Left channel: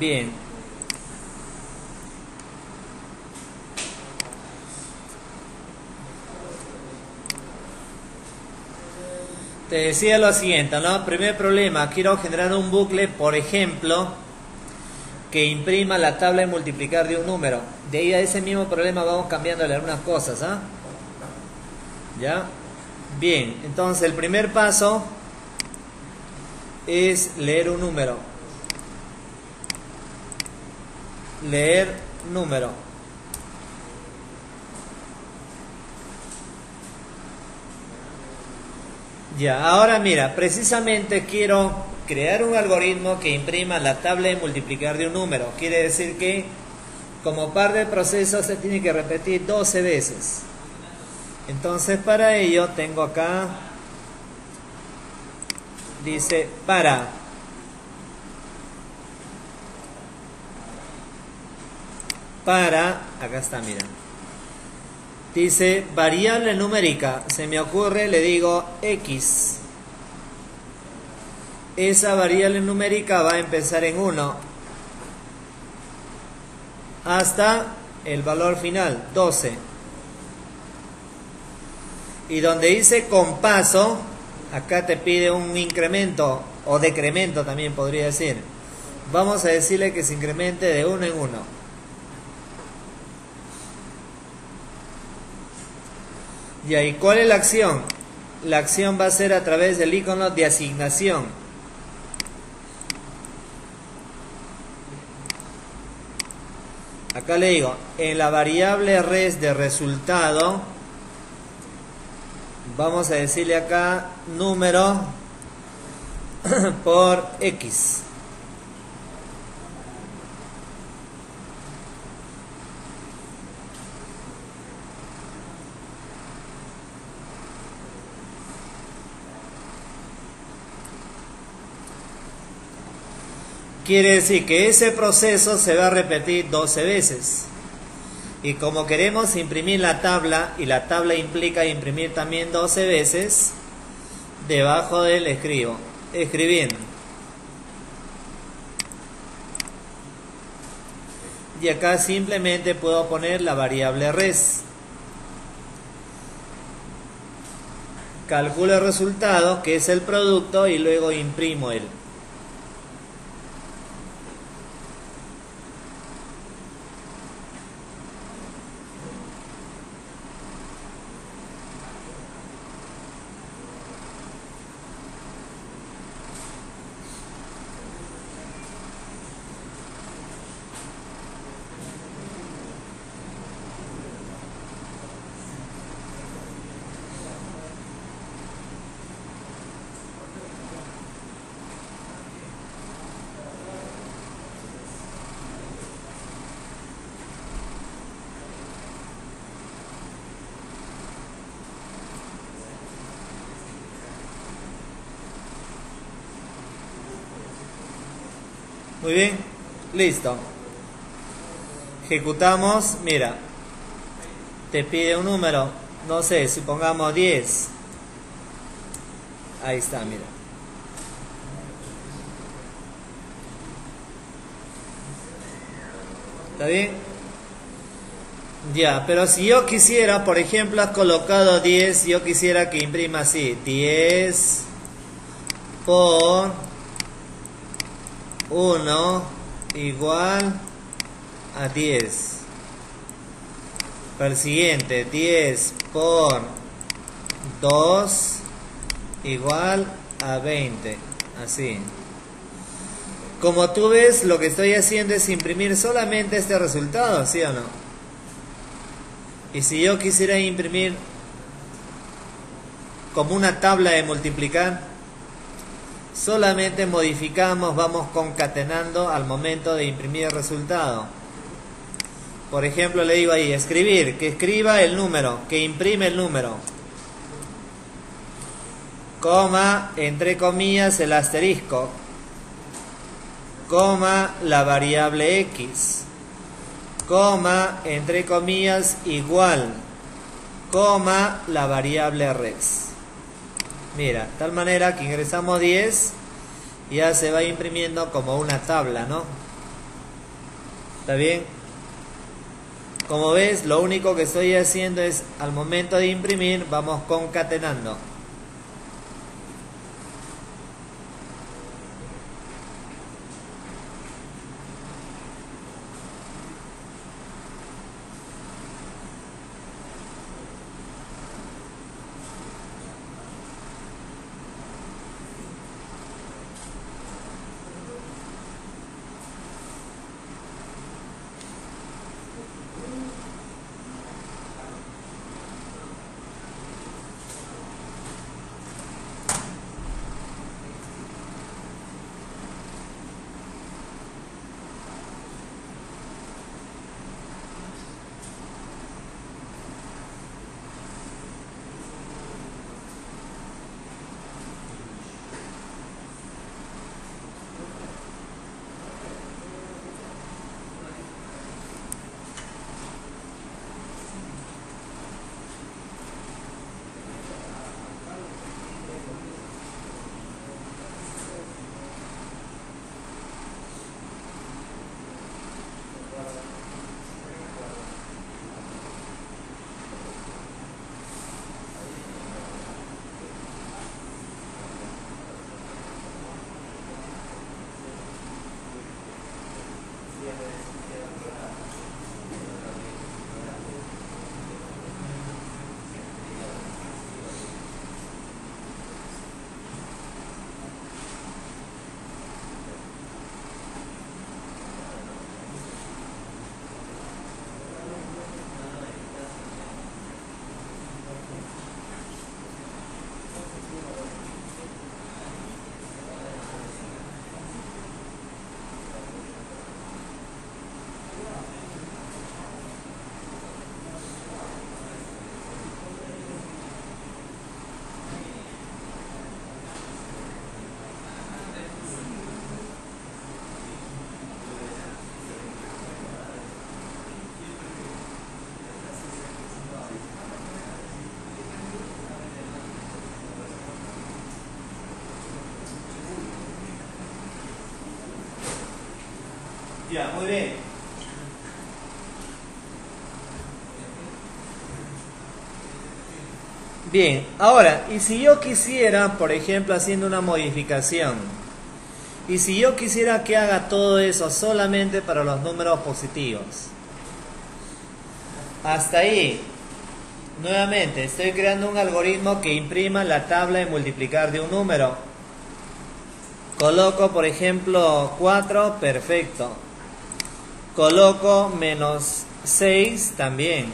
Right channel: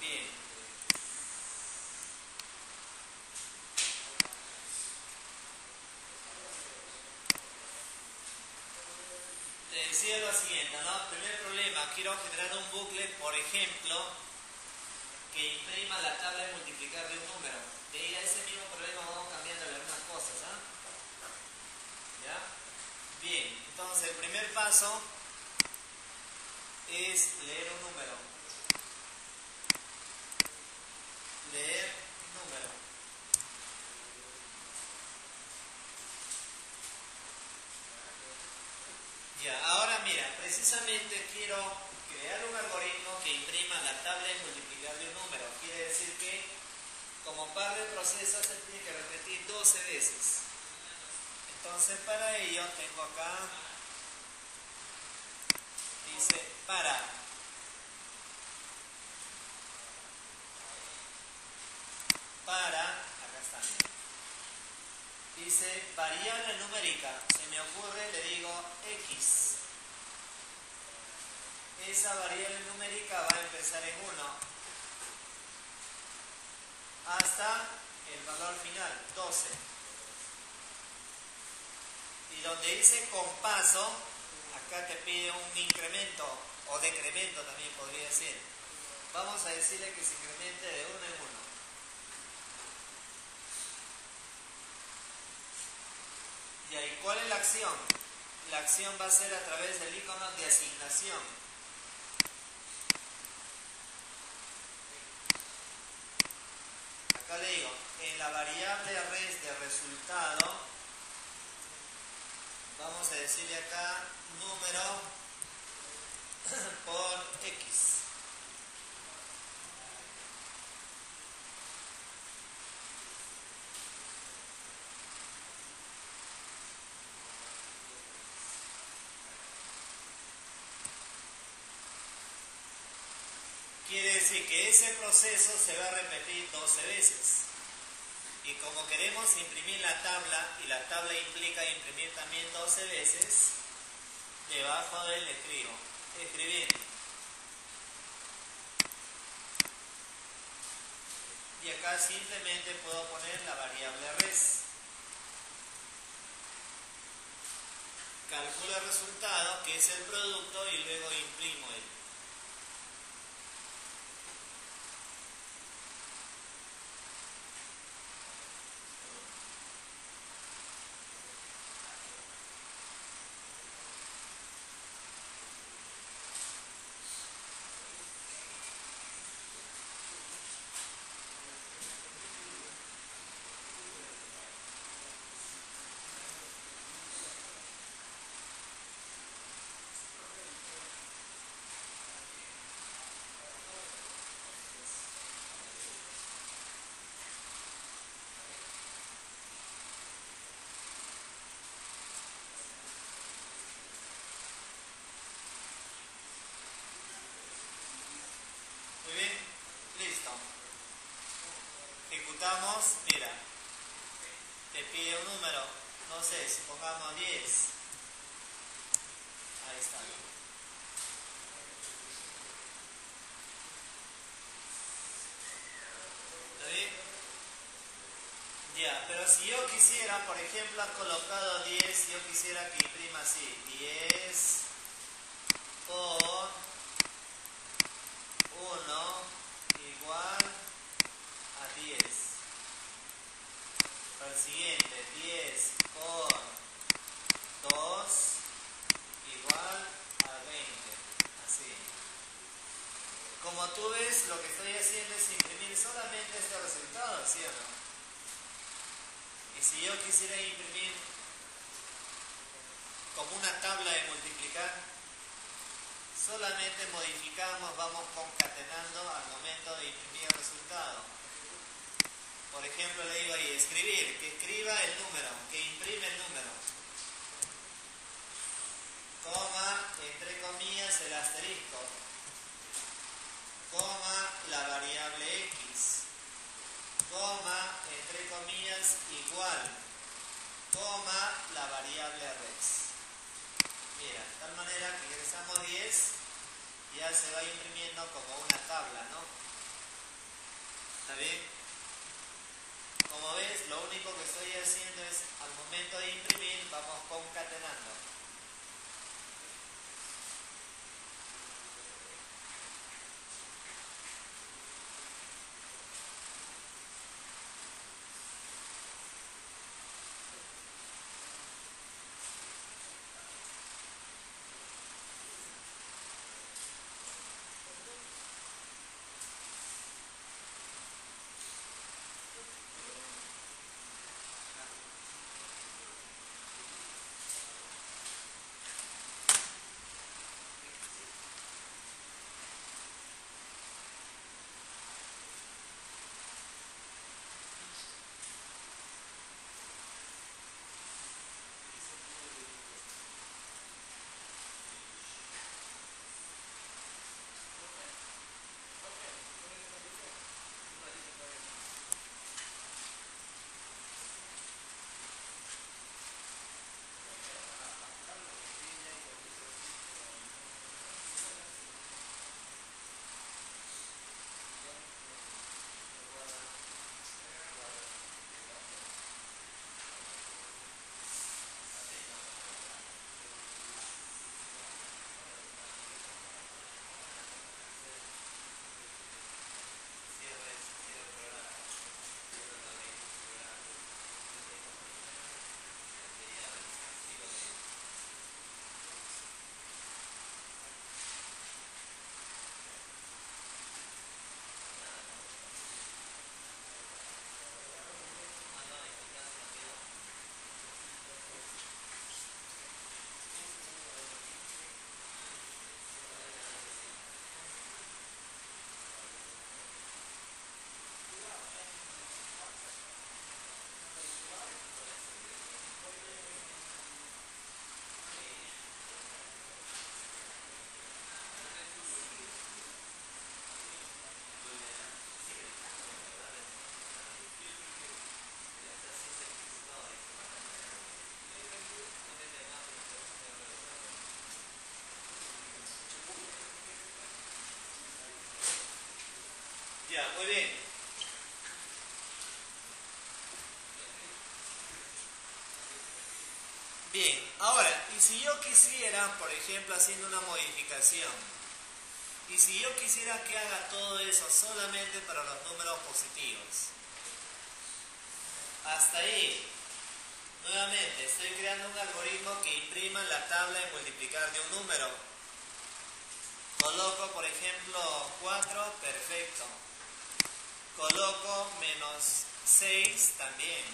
Bien. Te decía lo siguiente, ¿no? Primer problema, quiero generar un bucle, por ejemplo, que imprima la tabla de multiplicar de un número. De ahí a ese mismo problema vamos cambiándole algunas cosas, ¿ah? ¿Ya? Bien, entonces el primer paso es leer un número. Leer número. Ya, ahora mira, precisamente quiero crear un algoritmo que imprima la tabla de multiplicar de un número. Quiere decir que como parte del proceso se tiene que repetir 12 veces. Entonces para ello tengo acá, dice acá está, mira. Dice variable numérica, se me ocurre, le digo X. Esa variable numérica va a empezar en 1 hasta el valor final, 12. Y donde dice compaso, acá te pide un incremento o decremento también podría decir. Vamos a decirle que se incremente de 1 en 1. Y ahí, ¿cuál es la acción? La acción va a ser a través del icono de asignación. Acá le digo, en la variable res de resultado, vamos a decirle acá número por X. Quiere decir que ese proceso se va a repetir 12 veces. Y como queremos imprimir la tabla, y la tabla implica imprimir también 12 veces, debajo del escribo, escribiendo. Y acá simplemente puedo poner la variable res. Calculo el resultado, que es el producto, y luego imprimo él. Muy bien, listo. Ejecutamos, mira, te pide un número, no sé, si pongamos 10. Ahí está, mira. ¿Está bien? Ya, pero si yo quisiera, por ejemplo, has colocado 10, yo quisiera que imprima así, 10 por 1 igual a 10. Para el siguiente, 10 por 2 igual a 20. Así. Como tú ves, lo que estoy haciendo es imprimir solamente este resultado, ¿sí o no? Y si yo quisiera imprimir como una tabla de multiplicar, solamente modificamos, vamos concatenando al momento de imprimir el resultado. Por ejemplo, le digo ahí, escribir, que escriba el número, que imprime el número. Coma, entre comillas, el asterisco. Coma, la variable X. Coma, entre comillas, igual. Coma, la variable res. Mira, de tal manera que ingresamos 10, ya se va imprimiendo como una tabla, ¿no? ¿Está bien? Como ves, lo único que estoy haciendo es, al momento de imprimir, vamos concatenando. Ya, muy bien. Bien, ahora, y si yo quisiera, por ejemplo, haciendo una modificación, y si yo quisiera que haga todo eso solamente para los números positivos, hasta ahí, nuevamente, estoy creando un algoritmo que imprima la tabla de multiplicar de un número. Coloco, por ejemplo, 4, perfecto. Coloco menos 6 también.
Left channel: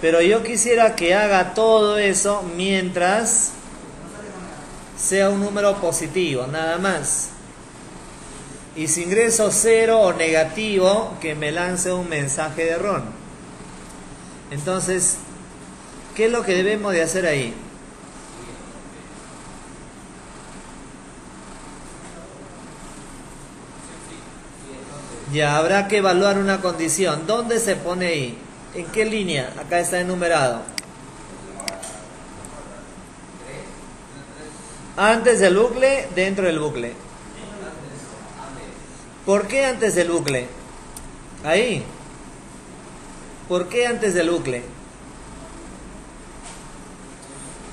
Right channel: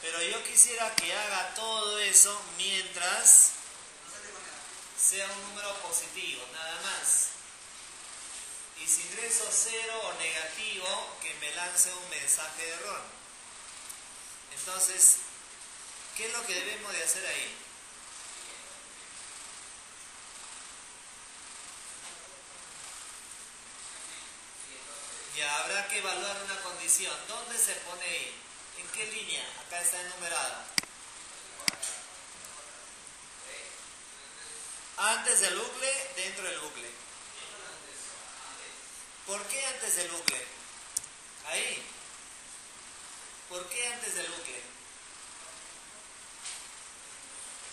Pero yo quisiera que haga todo eso mientras sea un número positivo, nada más. Y si ingreso 0 o negativo, que me lance un mensaje de error. Entonces, ¿qué es lo que debemos de hacer ahí? Ya habrá que evaluar una condición. ¿Dónde se pone ahí? ¿En qué línea? Acá está enumerado. Antes del bucle, dentro del bucle. ¿Por qué antes del bucle? Ahí. ¿Por qué antes del bucle?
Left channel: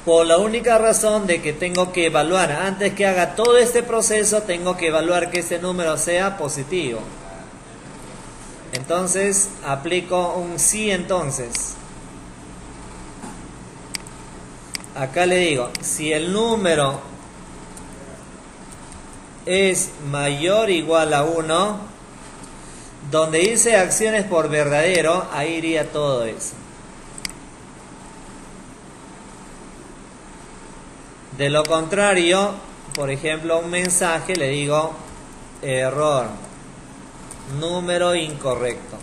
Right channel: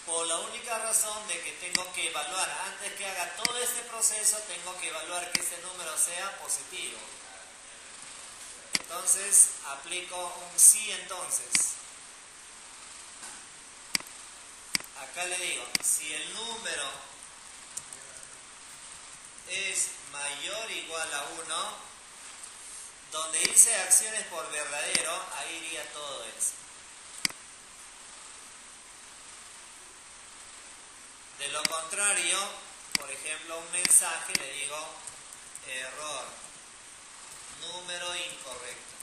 Por la única razón de que tengo que evaluar. Antes que haga todo este proceso, tengo que evaluar que este número sea positivo. Entonces, aplico un sí entonces. Acá le digo, si el número es mayor o igual a 1, donde dice acciones por verdadero, ahí iría todo eso. De lo contrario, por ejemplo, un mensaje le digo error, número incorrecto.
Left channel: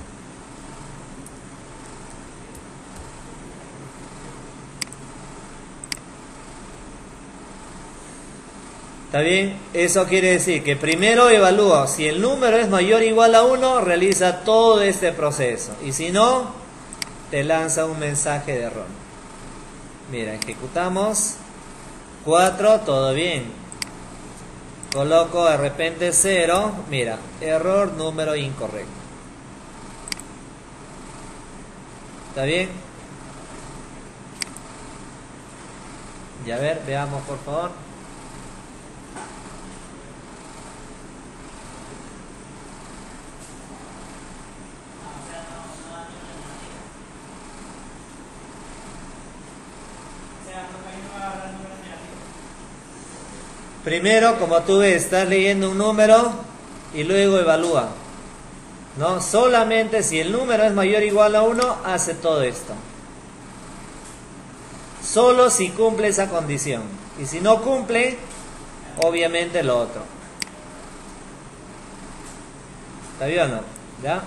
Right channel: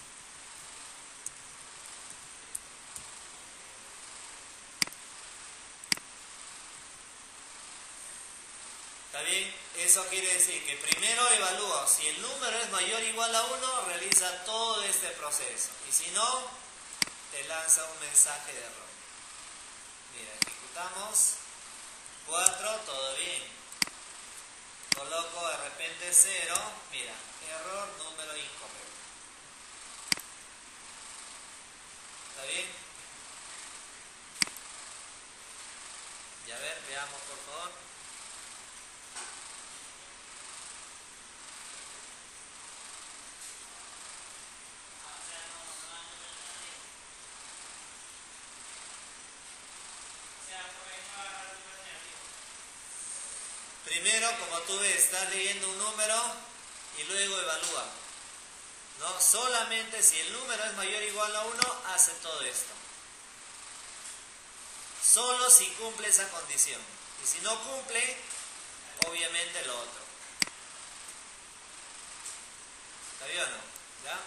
¿Está bien? Eso quiere decir que primero evalúo si el número es mayor o igual a 1, realiza todo este proceso. Y si no, te lanza un mensaje de error. Mira, ejecutamos. 4, todo bien. Coloco de repente 0. Mira, error, número incorrecto. ¿Está bien? Y a ver, veamos por favor. Primero, como tú ves, estás leyendo un número y luego evalúa, ¿no? Solamente si el número es mayor o igual a 1, hace todo esto. Solo si cumple esa condición. Y si no cumple, obviamente lo otro. ¿Está bien o no? ¿Ya?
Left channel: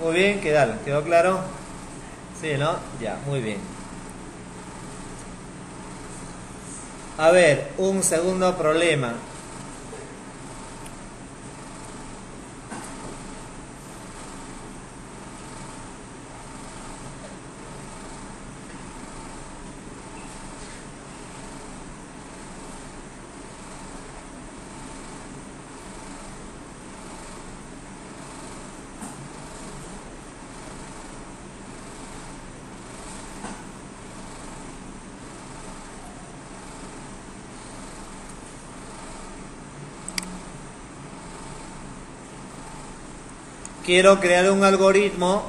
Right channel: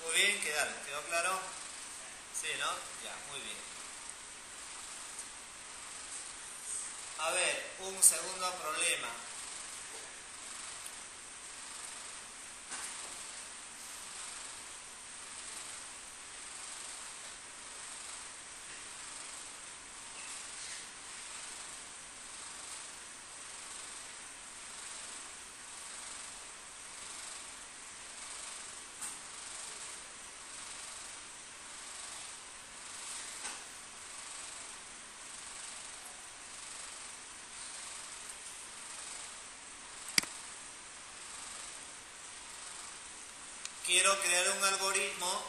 Muy bien, ¿quedó claro? Sí, ¿no? Ya, muy bien. A ver, un segundo problema. Quiero crear un algoritmo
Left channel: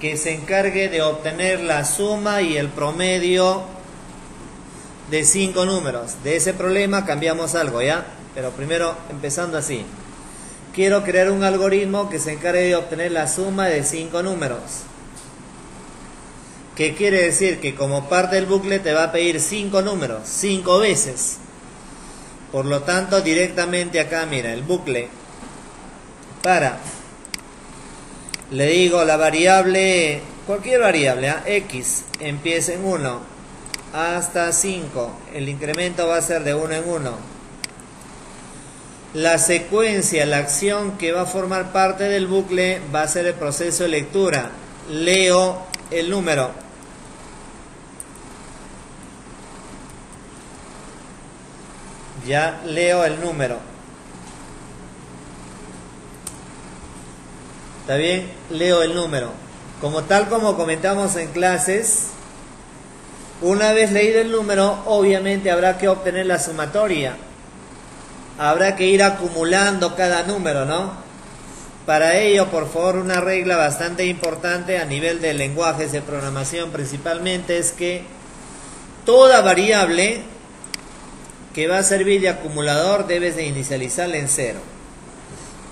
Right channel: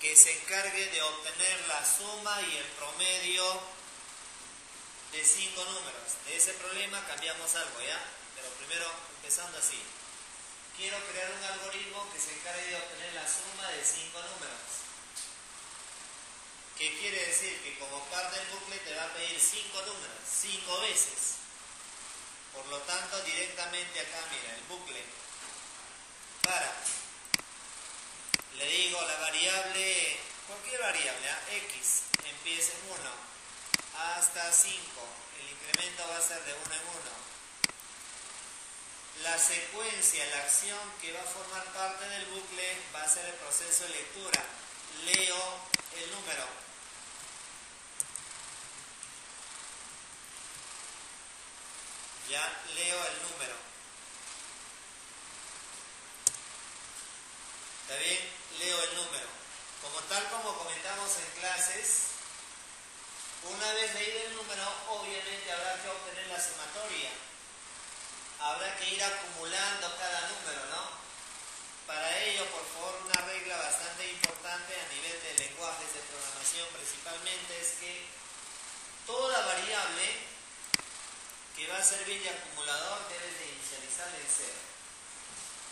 que se encargue de obtener la suma y el promedio de 5 números. De ese problema cambiamos algo, ¿ya? Pero primero empezando así. Quiero crear un algoritmo que se encargue de obtener la suma de 5 números. ¿Qué quiere decir? Que como parte del bucle te va a pedir 5 números, 5 veces. Por lo tanto, directamente acá, mira, el bucle. Le digo la variable, cualquier variable, x, empieza en 1 hasta 5. El incremento va a ser de 1 en 1. La secuencia, la acción que va a formar parte del bucle va a ser el proceso de lectura. Leo el número. Ya leo el número. ¿Está bien? Leo el número. Como comentamos en clases, una vez leído el número, obviamente habrá que obtener la sumatoria. Habrá que ir acumulando cada número, ¿no? Para ello, por favor, una regla bastante importante a nivel de lenguajes de programación principalmente es que toda variable que va a servir de acumulador debes de inicializarla en 0.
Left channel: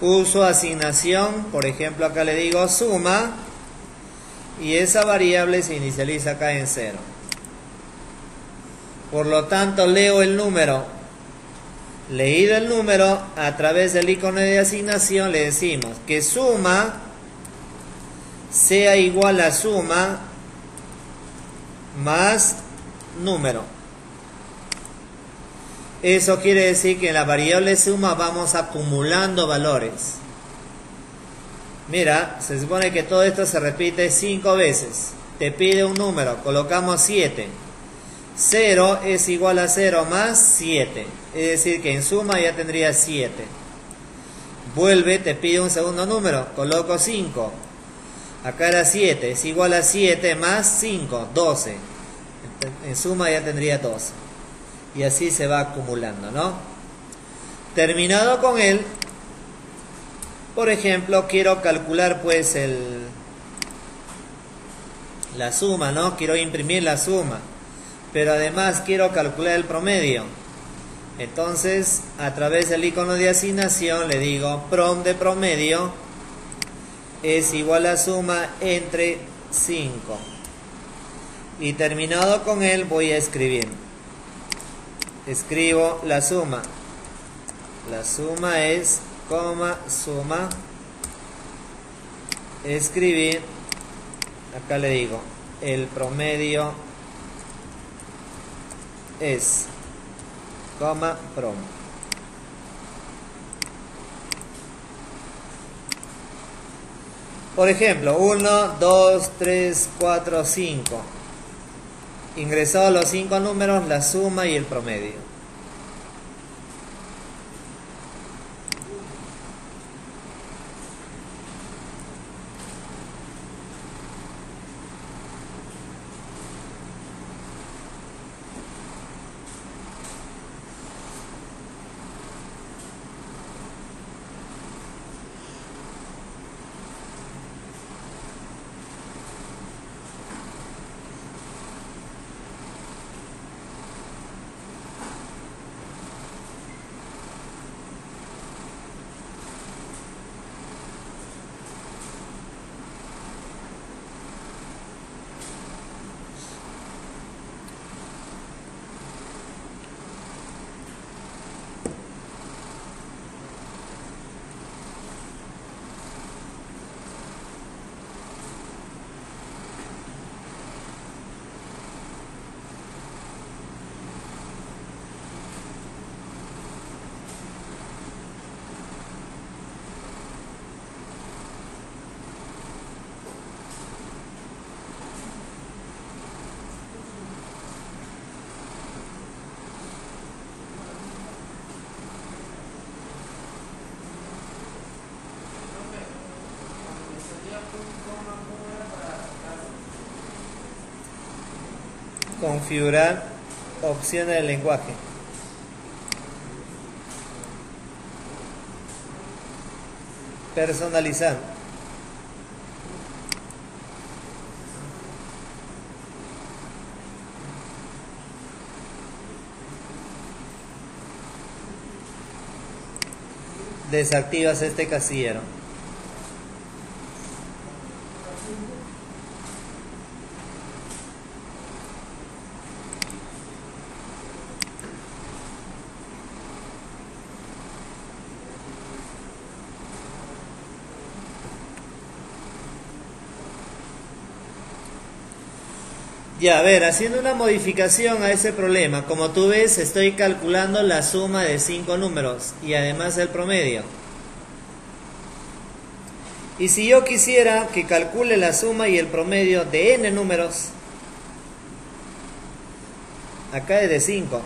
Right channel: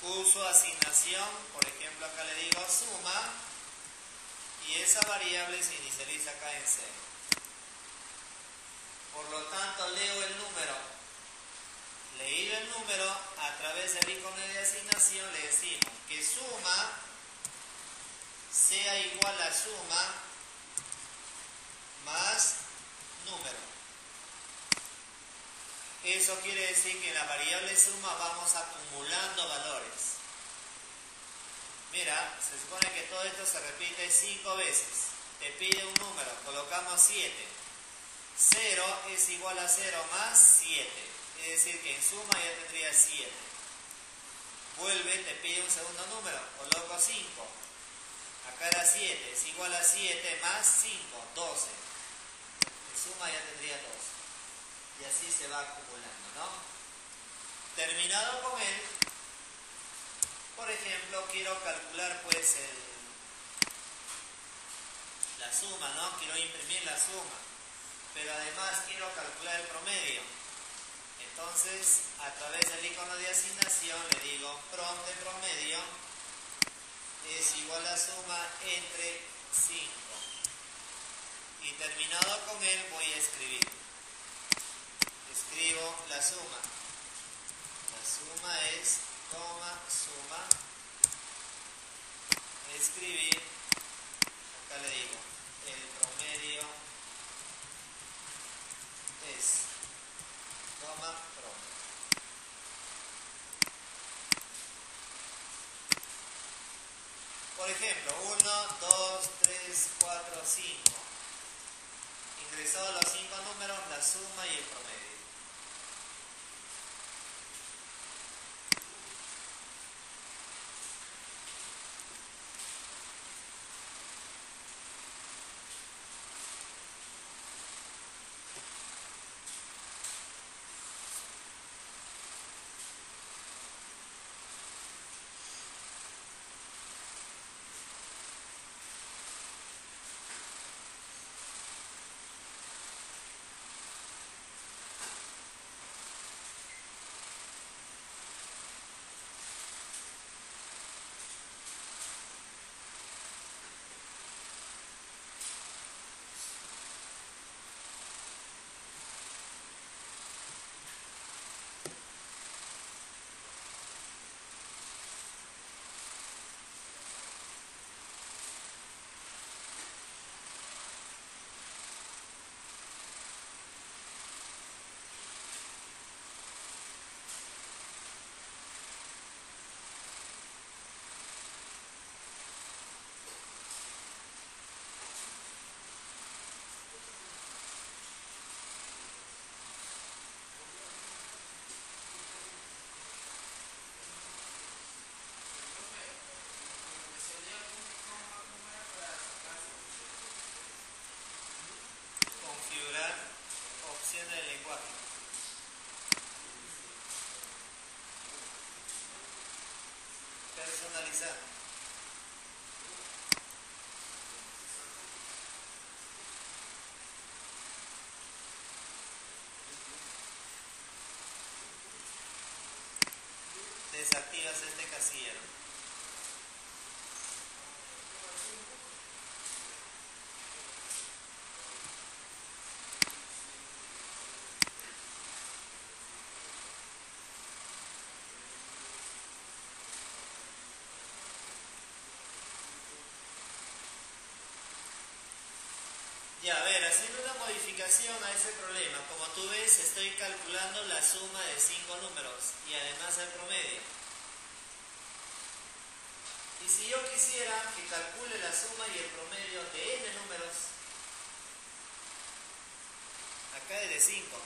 Uso asignación, por ejemplo acá le digo suma y esa variable se inicializa acá en 0. Por lo tanto leo el número. Leído el número, a través del icono de asignación le decimos que suma sea igual a suma más número. Eso quiere decir que en la variable suma vamos acumulando valores. Mira, se supone que todo esto se repite 5 veces. Te pide un número, colocamos 7. 0 es igual a 0 más 7. Es decir que en suma ya tendría 7. Vuelve, te pide un segundo número, coloco 5. Acá era 7, es igual a 7 más 5, 12. En suma ya tendría 12. Y así se va acumulando, ¿no? Terminado con él, por ejemplo, quiero calcular pues la suma, ¿no? Quiero imprimir la suma, pero además quiero calcular el promedio. Entonces, a través del icono de asignación le digo prom de promedio es igual a suma entre 5. Y terminado con él voy a escribir. Escribo la suma. La suma es, suma. Escribir. Acá le digo, el promedio es, prom. Por ejemplo, 1, 2, 3, 4, 5. Ingresados los 5 números, la suma y el promedio. Configurar opciones del lenguaje. Personalizar. Desactivas este casillero. Ya, a ver, haciendo una modificación a ese problema, como tú ves, estoy calculando la suma de 5 números y además el promedio. Y si yo quisiera que calcule la suma y el promedio de n números, acá es de 5.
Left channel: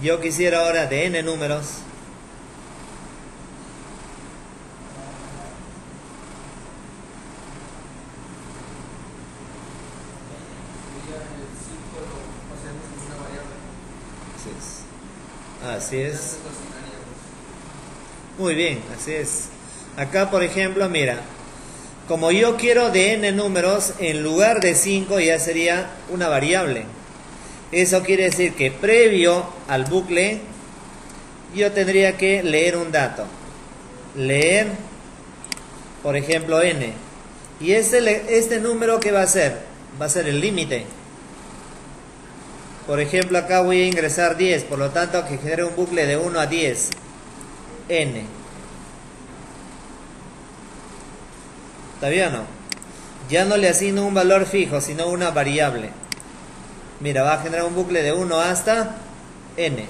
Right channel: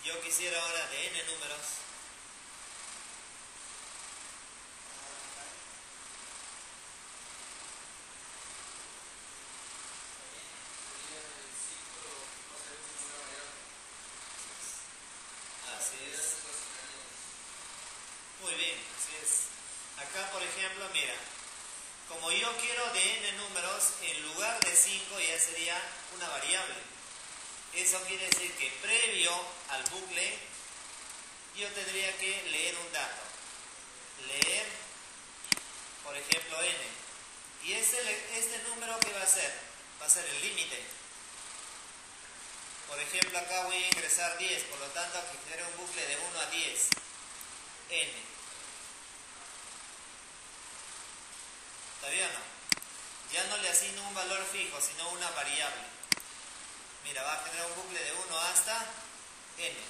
Yo quisiera ahora de n números. Así es. Muy bien, así es. Acá, por ejemplo, mira, como yo quiero de n números, en lugar de 5 ya sería una variable. Eso quiere decir que previo al bucle, yo tendría que leer un dato. Leer, por ejemplo, n. Y este número, ¿qué va a ser? Va a ser el límite. Por ejemplo, acá voy a ingresar 10, por lo tanto que genere un bucle de 1 a 10. N. ¿Está bien o no? Ya no le asigno un valor fijo, sino una variable. Mira, va a generar un bucle de 1 hasta n.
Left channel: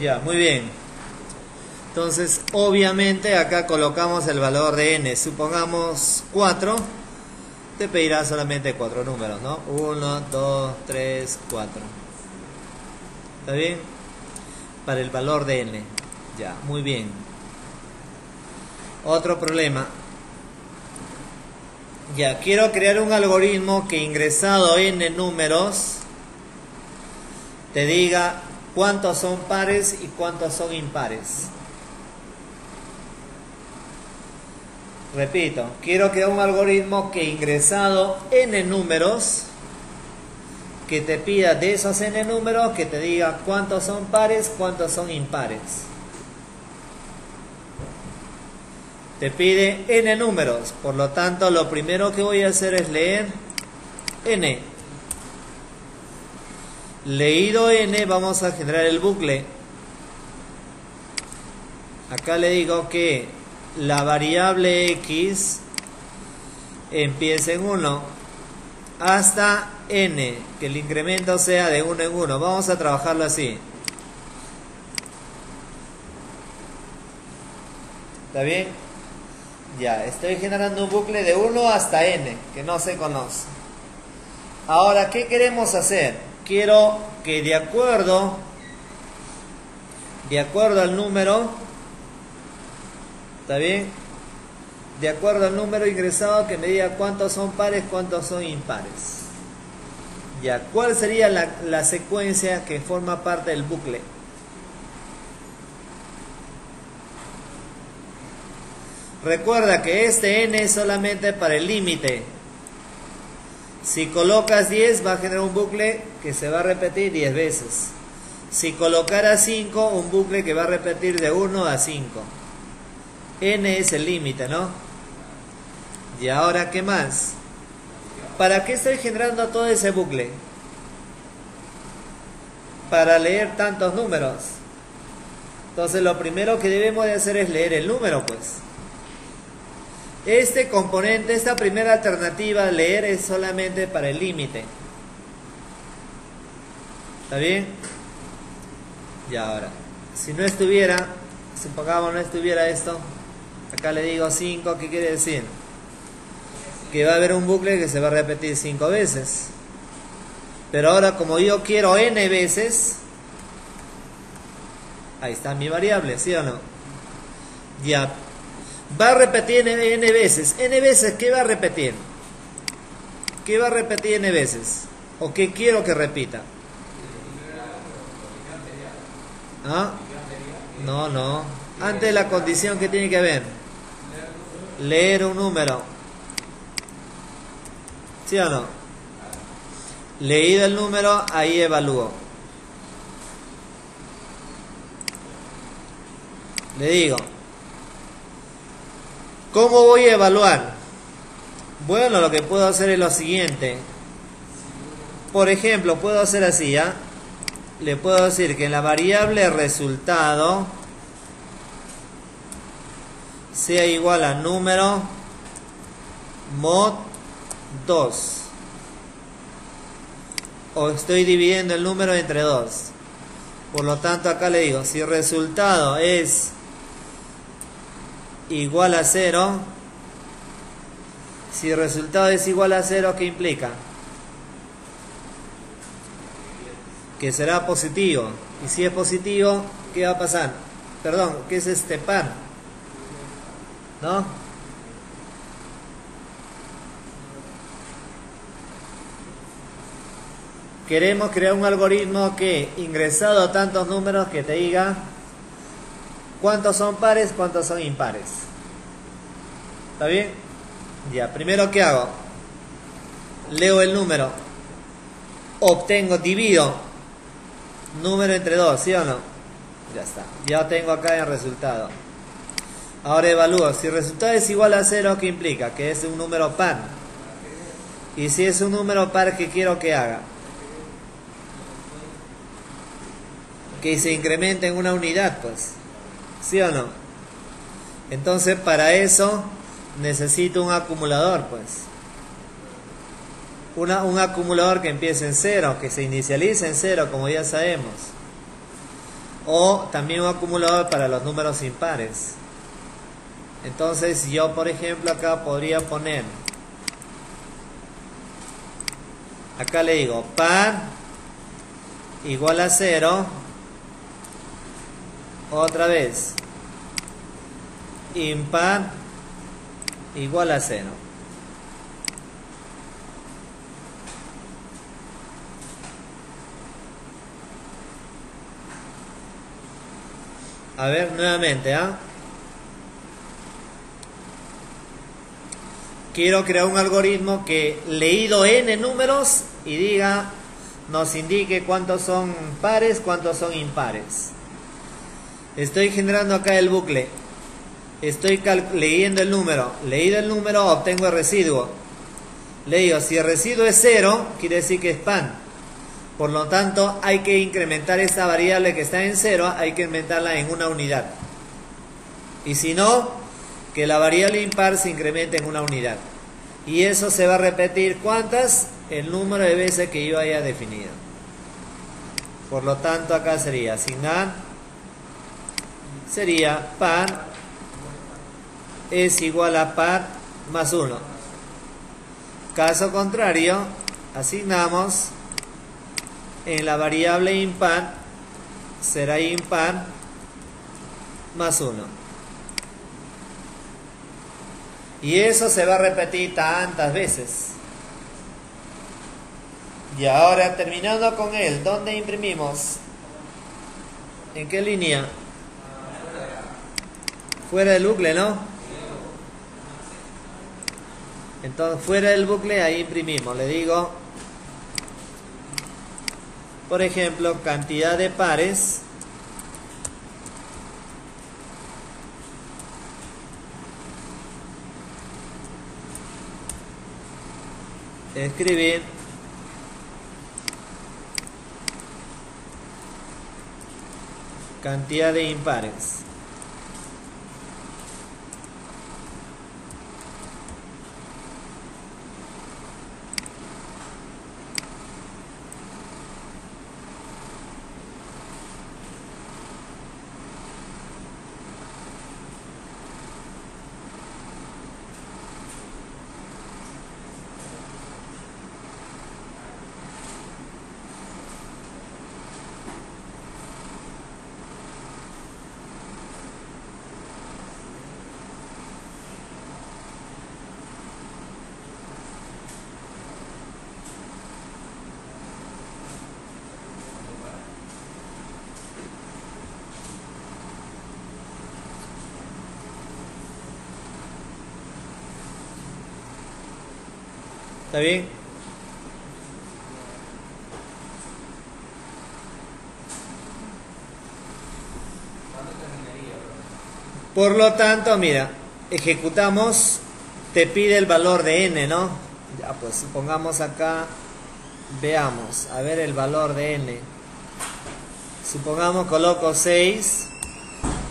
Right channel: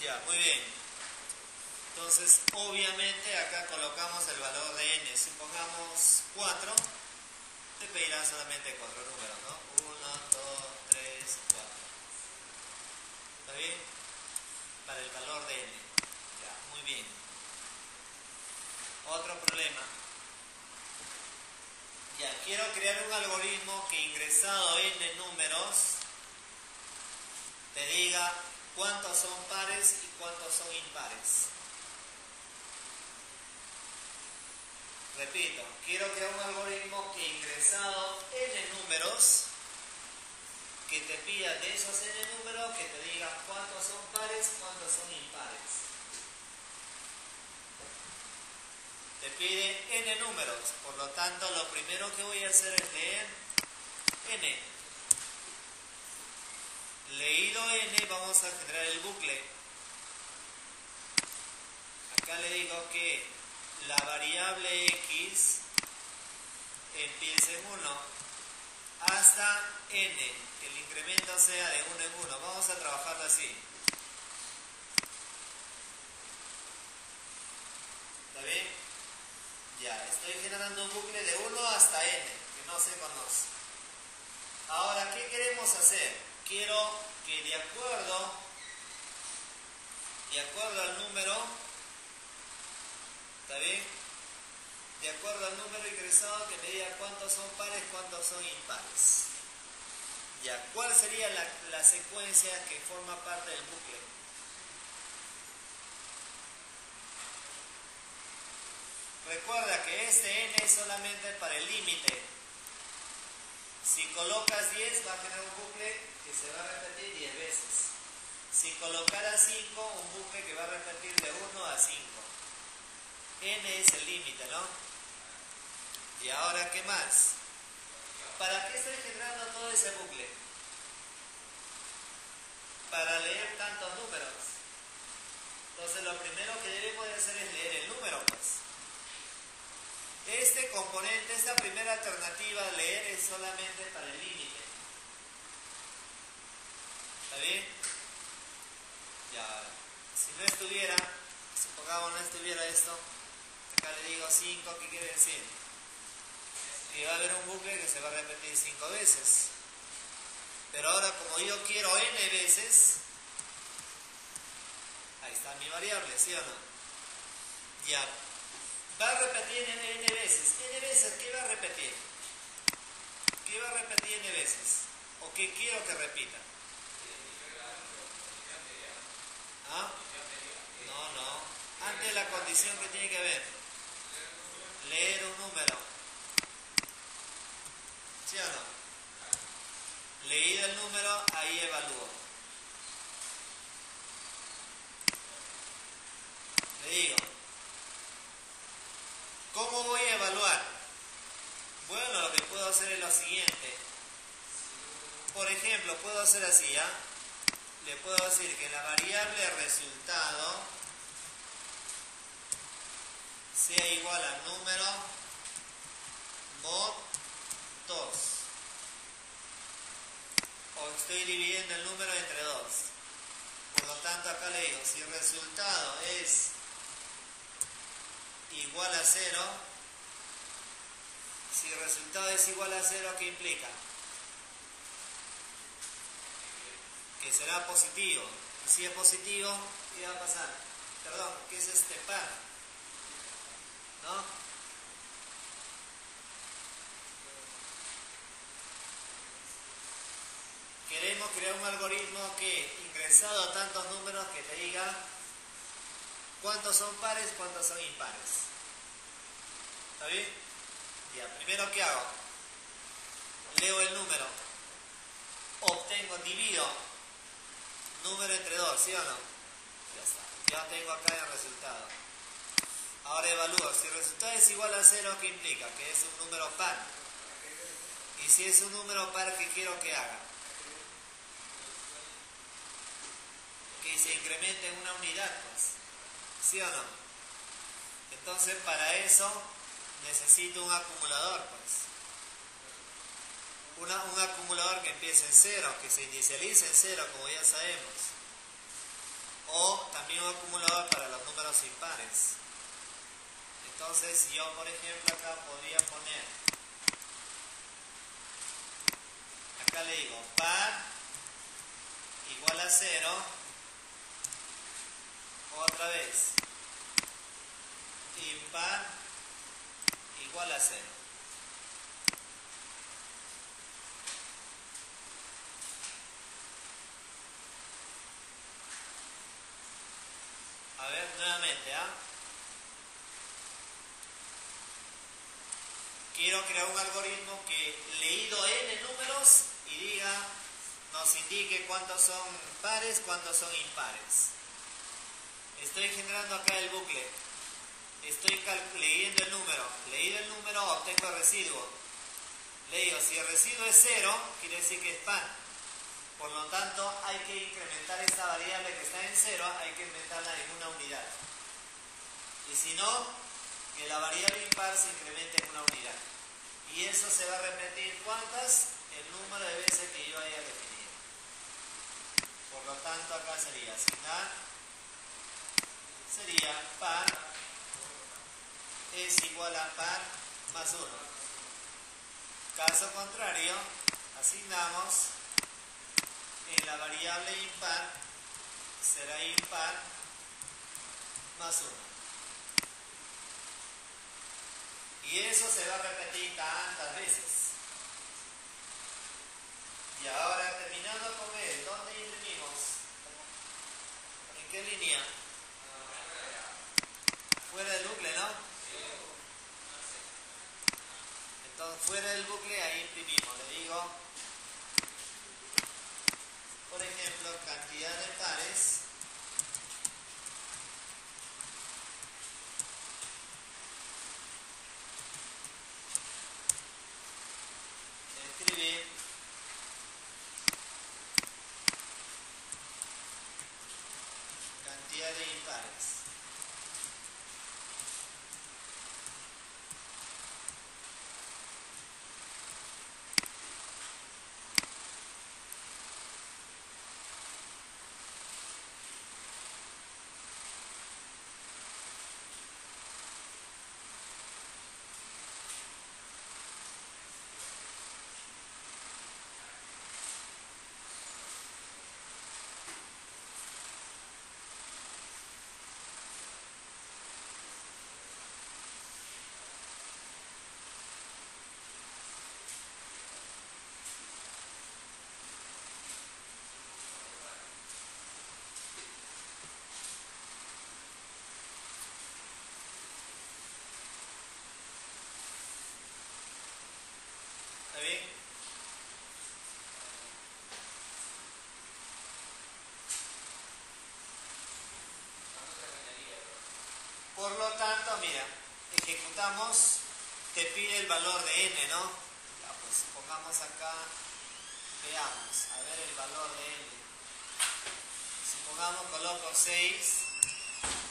Ya, muy bien. Entonces, obviamente acá colocamos el valor de n. Supongamos 4. Te pedirá solamente 4 números, ¿no? 1, 2, 3, 4. ¿Está bien? Para el valor de n. Ya, muy bien. Otro problema. Ya, quiero crear un algoritmo que ingresado n números te diga cuántos son pares y cuántos son impares. Repito, quiero crear un algoritmo que ingresado n números, que te pida de esos n números, que te diga cuántos son pares, cuántos son impares. Te pide n números, por lo tanto lo primero que voy a hacer es leer n. Leído n, vamos a generar el bucle. Acá le digo que la variable x empieza en 1 hasta n, que el incremento sea de 1 en 1. Vamos a trabajarlo así. ¿Está bien? Ya, estoy generando un bucle de 1 hasta n, que no se conoce. Ahora, ¿qué queremos hacer? Quiero que de acuerdo al número, ¿está bien? De acuerdo al número ingresado, que me diga cuántos son pares, cuántos son impares. Ya, ¿cuál sería la secuencia que forma parte del bucle? Recuerda que este n es solamente para el límite. Si colocas 10 va a generar un bucle que se va a repetir 10 veces. Si colocaras 5, un bucle que va a repetir de 1 a 5. N es el límite, ¿no? Y ahora, ¿qué más? ¿Para qué estoy generando todo ese bucle? Para leer tantos números. Entonces lo primero que debemos de hacer es leer el número, pues. Este componente, esta primera alternativa, leer, es solamente para el límite. ¿Está bien? Y ahora, si no estuviera, supongamos no estuviera esto, acá le digo 5, ¿qué quiere decir? Que va a haber un bucle que se va a repetir 5 veces. Pero ahora, como yo quiero n veces, ahí está mi variable, ¿sí o no? Ya. Va a repetir n veces. N veces, ¿qué va a repetir? ¿Qué va a repetir n veces? ¿O qué quiero que repita? ¿Ah? No. Antes de la condición que tiene que haber. Leer un número. ¿Sí o no? Leído el número, ahí evalúo. Le digo, ¿cómo voy a evaluar? Bueno, lo que puedo hacer es lo siguiente. Por ejemplo, puedo hacer así, ¿ya? Le puedo decir que la variable resultado sea igual a número mod 2. O estoy dividiendo el número entre 2. Por lo tanto, acá le digo, si el resultado es igual a 0, si el resultado es igual a 0, ¿qué implica? Que será positivo. Y si es positivo, ¿qué va a pasar? Perdón, ¿qué es este par? ¿No? Queremos crear un algoritmo que, ingresado tantos números, que te diga cuántos son pares, cuántos son impares. ¿Está bien? Ya, primero, ¿qué hago? Leo el número. Divido número entre 2, ¿sí o no? Ya está. Ya tengo acá el resultado. Ahora evalúo. Si el resultado es igual a 0, ¿qué implica? Que es un número par. Y si es un número par, ¿qué quiero que haga? Que se incremente en una unidad, pues. ¿Sí o no? Entonces, para eso necesito un acumulador, pues. Un acumulador que empiece en 0, que se inicialice en 0, como ya sabemos. O también un acumulador para los números impares. Entonces yo, por ejemplo, acá podría poner, acá le digo par igual a 0, otra vez impar igual a 0. A ver, nuevamente, quiero crear un algoritmo que, leído n números, y diga, nos indique cuántos son pares, cuántos son impares. Estoy generando acá el bucle. Estoy leyendo el número. Leído el número, obtengo el residuo. Le digo, si el residuo es 0, quiere decir que es pan. Por lo tanto, hay que incrementar esta variable que está en 0, hay que incrementarla en una unidad. Y si no, que la variable impar se incremente en una unidad. Y eso se va a repetir, ¿cuántas? El número de veces que yo haya definido. Por lo tanto, acá sería asignar, sería par es igual a par más 1. Caso contrario, asignamos en la variable impar, será impar más 1. Y eso se va a repetir tantas veces. Y ahora, terminando con él, ¿dónde imprimimos? ¿En qué línea? Fuera del bucle, ¿no? Entonces, fuera del bucle, ahí imprimimos. Le digo, por ejemplo, cantidad de pares escribir cantidad de impares. ¿Está bien? Por lo tanto, mira, ejecutamos, te pide el valor de n, ¿no? Ya, pues supongamos acá, veamos, a ver el valor de n. Supongamos coloco 6,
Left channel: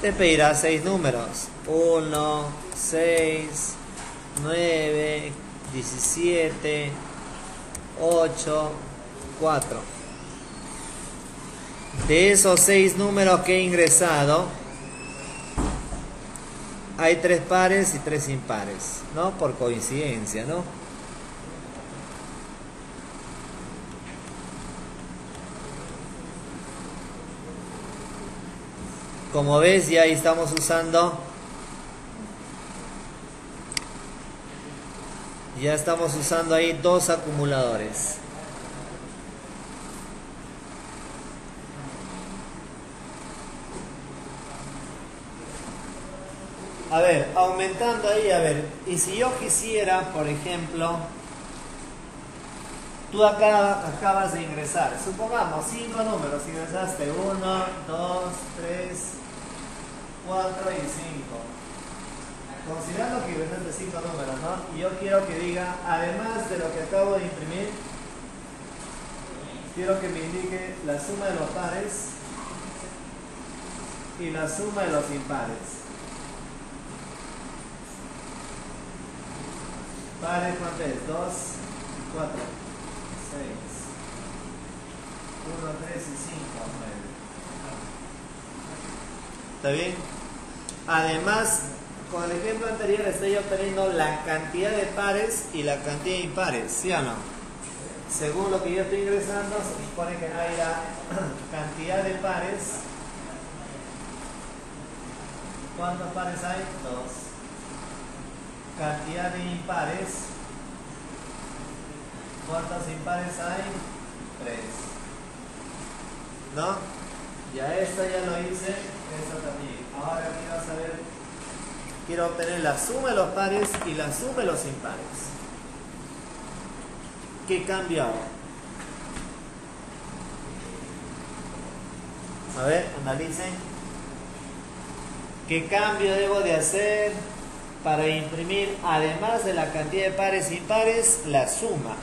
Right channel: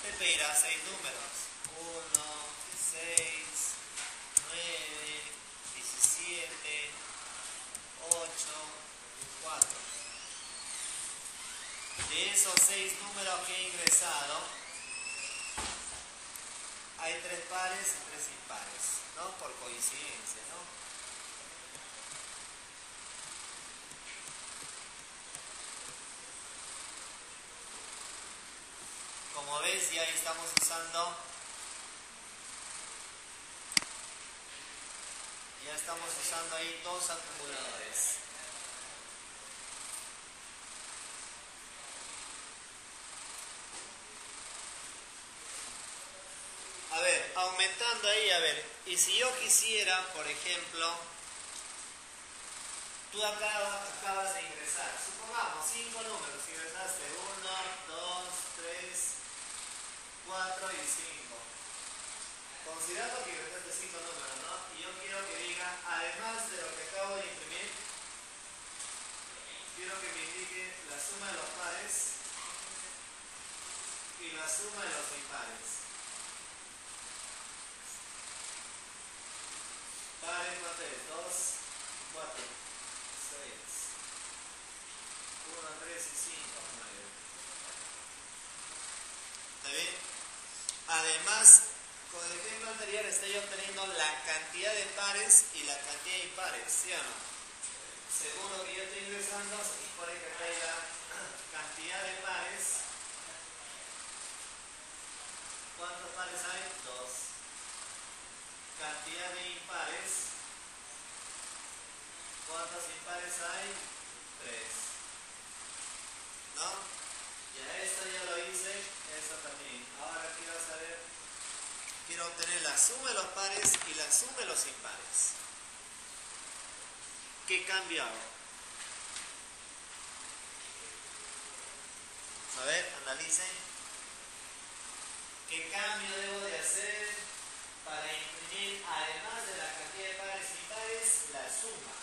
te pedirá 6 números. 1, 6, 9, 17, 8, 4. De esos 6 números que he ingresado, hay 3 pares y 3 impares, ¿no? Por coincidencia, ¿no? Como ves, ya ahí estamos usando, ahí 2 acumuladores. A ver, aumentando ahí, a ver, y si yo quisiera, por ejemplo, tú acá acabas de ingresar, supongamos 5 números, ingresaste 1, 2, 3, 4 y 5. Considerando que ingresaste 5 números, ¿no? Y yo quiero que diga, además de lo que acabo de imprimir, quiero que me indique la suma de los pares y la suma de los impares. Pares, ¿cuánto es? 2, 4, 6, 1, 3 y 5, 9. ¿Está bien? Además, con el ejemplo anterior estoy obteniendo la cantidad de pares y la cantidad de impares, ¿sí o no? Según lo que yo estoy ingresando, se supone que hay la cantidad de pares. ¿Cuántos pares hay? 2. Cantidad de impares. ¿Cuántos impares hay? 3. ¿No? Ya esto ya lo hice, esto también. Ahora quiero saber, quiero obtener la suma de los pares y la suma de los impares. ¿Qué cambio hago? A ver, analicen. ¿Qué cambio debo de hacer para imprimir, además de la cantidad de pares y impares, la suma?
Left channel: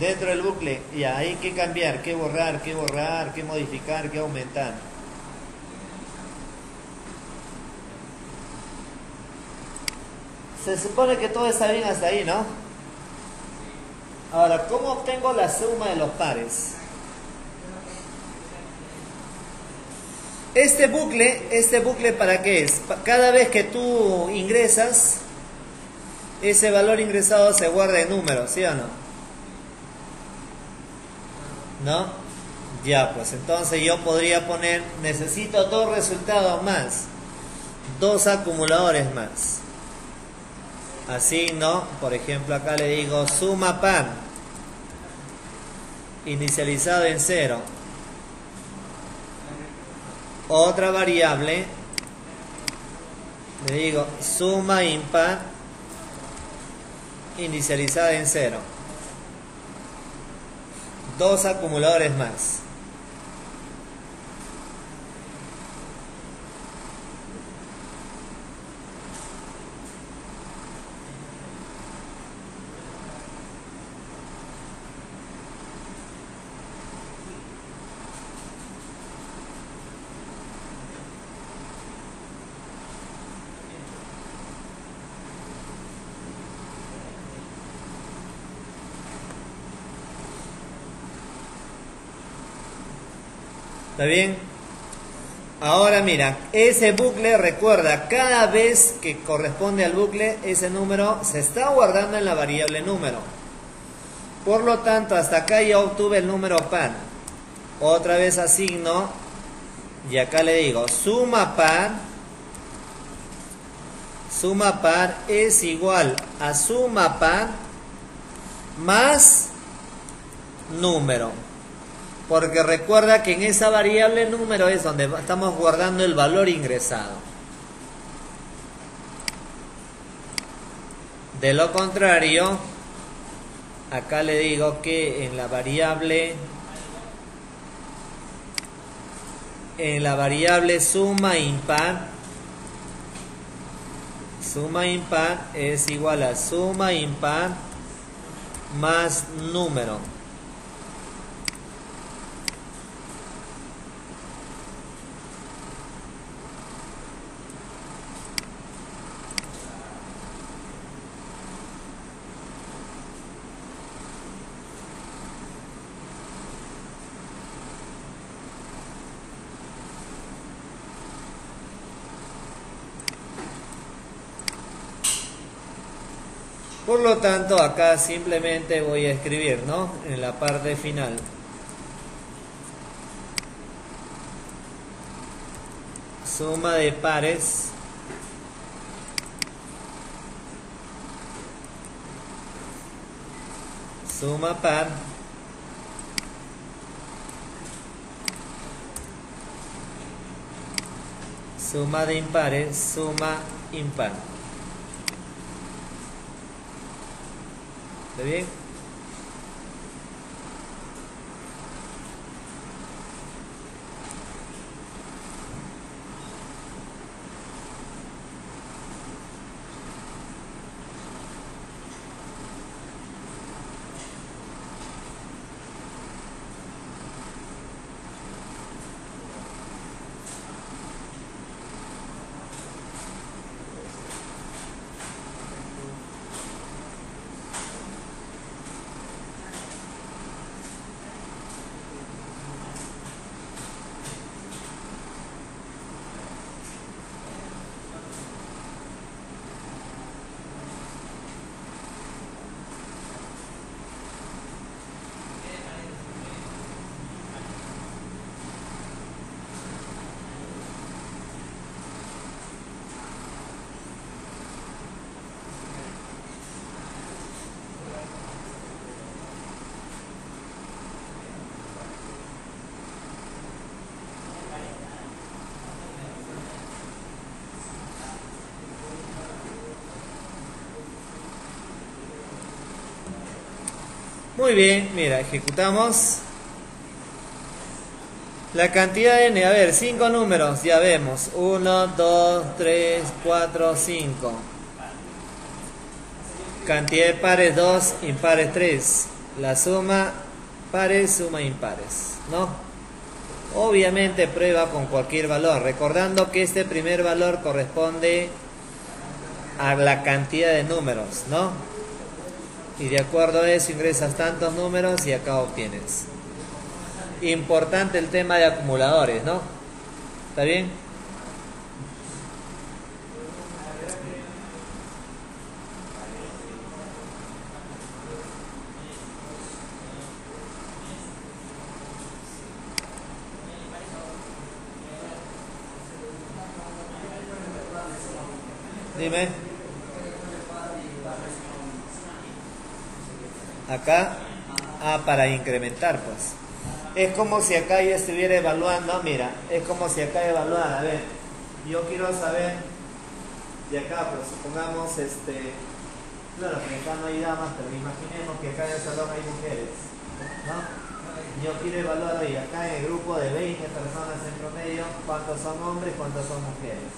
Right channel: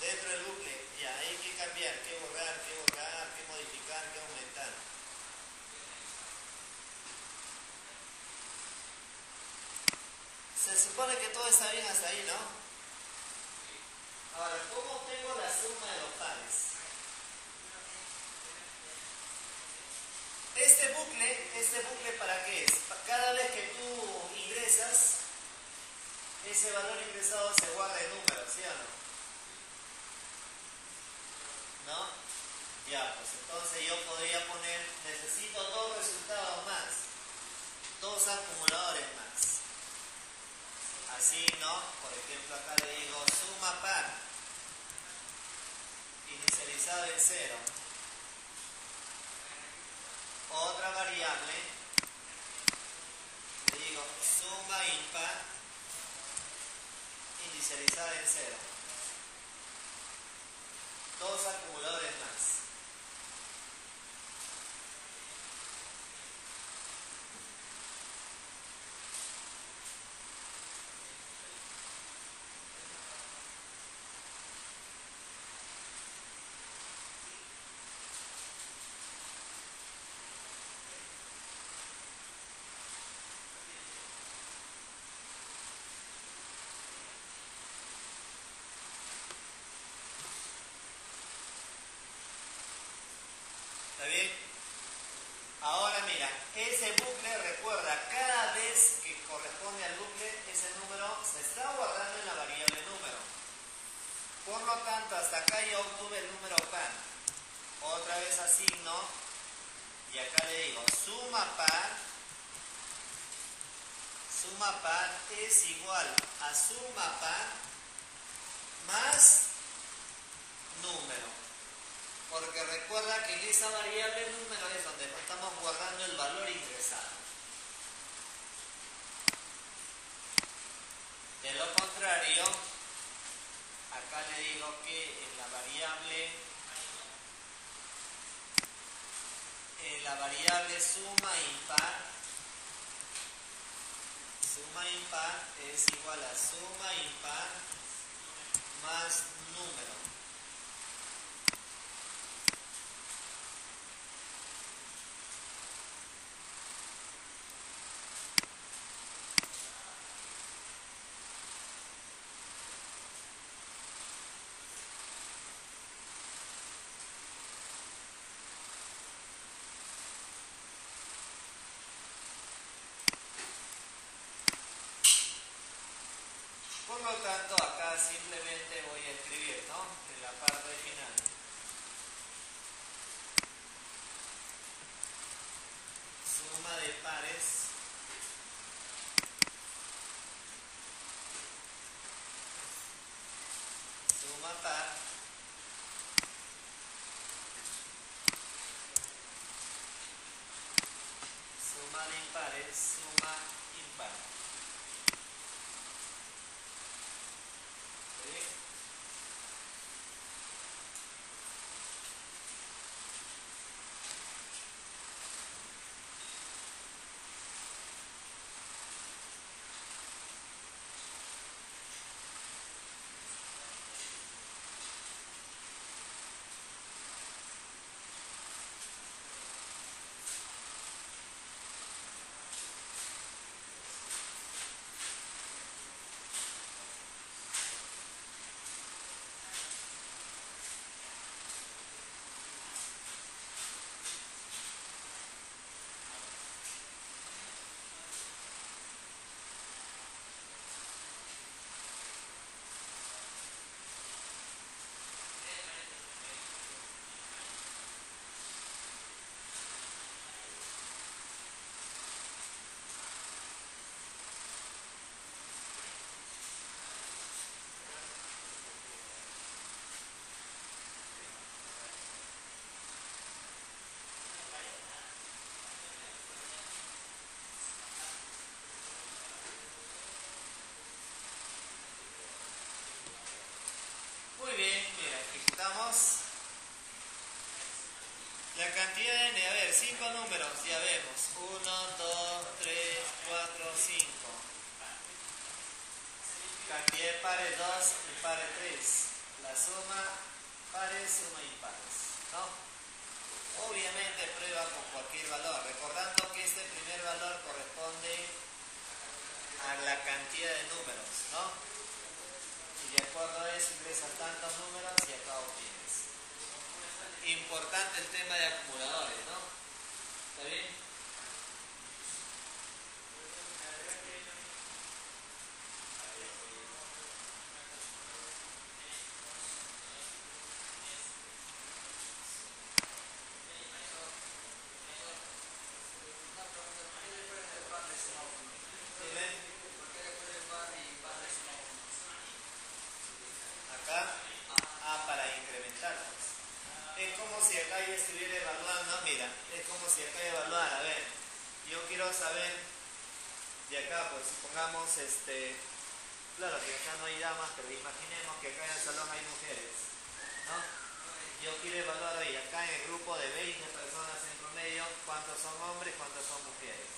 Dentro del bucle, ya, hay que cambiar, que borrar, que modificar, que aumentar. Se supone que todo está bien hasta ahí, ¿no? Ahora, ¿cómo obtengo la suma de los pares? Este bucle ¿para qué es? Cada vez que tú ingresas, ese valor ingresado se guarda en números, ¿sí o no? ¿No? Ya, pues entonces yo podría poner, necesito 2 resultados más, 2 acumuladores más. Así, ¿no? Por ejemplo, acá le digo suma par, inicializado en 0. Otra variable, le digo suma impar, inicializada en 0. 2 acumuladores más. ¿Está bien? Ahora mira, ese bucle, recuerda, cada vez que corresponde al bucle, ese número se está guardando en la variable número. Por lo tanto, hasta acá ya obtuve el número par. Otra vez asigno y acá le digo suma par es igual a suma par más número. Porque recuerda que en esa variable número es donde estamos guardando el valor ingresado. De lo contrario, acá le digo que en la variable suma impar es igual a suma impar más número. Por lo tanto, acá simplemente voy a escribir, ¿no? En la parte final. Suma de pares suma par suma de impares suma impar. ¿Está bien? Muy bien, mira, ejecutamos. La cantidad de n, a ver, 5 números, ya vemos. 1, 2, 3, 4, 5. Cantidad de pares 2, impares 3. La suma pares, suma impares, ¿no? Obviamente prueba con cualquier valor, recordando que este primer valor corresponde a la cantidad de números, ¿no? Y de acuerdo a eso ingresas tantos números y acá obtienes. Importante el tema de acumuladores, ¿no? ¿Está bien? Dime. Acá. Para incrementar, pues. Es como si acá yo estuviera evaluando, mira, es como si acá evaluara, a ver, yo quiero saber, de acá, pues, supongamos, claro que acá no hay damas, pero imaginemos que acá en el salón hay mujeres, ¿no? Yo quiero evaluar hoy, acá en el grupo de 20 personas en promedio, cuántos son hombres, cuántos son mujeres.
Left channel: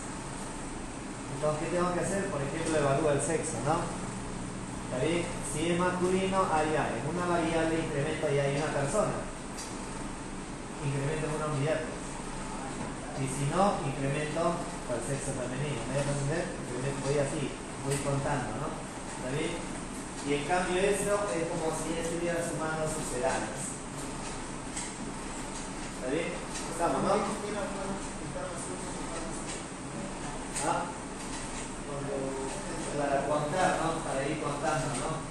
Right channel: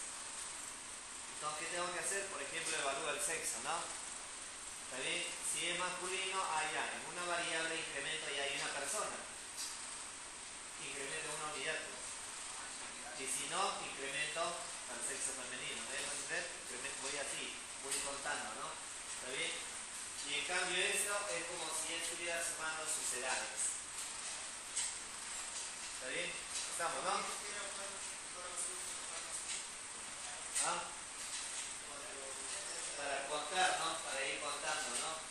Entonces, ¿qué tengo que hacer? Por ejemplo, evalúo el sexo, ¿no? ¿Está bien? Si es masculino, allá, en una variable incremento y hay una persona. Incremento una unidad. Y si no, incremento al sexo femenino. ¿Me dejas entender? Voy así, voy contando, ¿no? ¿Está bien? Y en cambio esto es como si estuviera sumando sucedáneos. ¿Está bien? Estamos, ¿no? ¿Ah? Para contar, ¿no? Para ir contando, ¿no?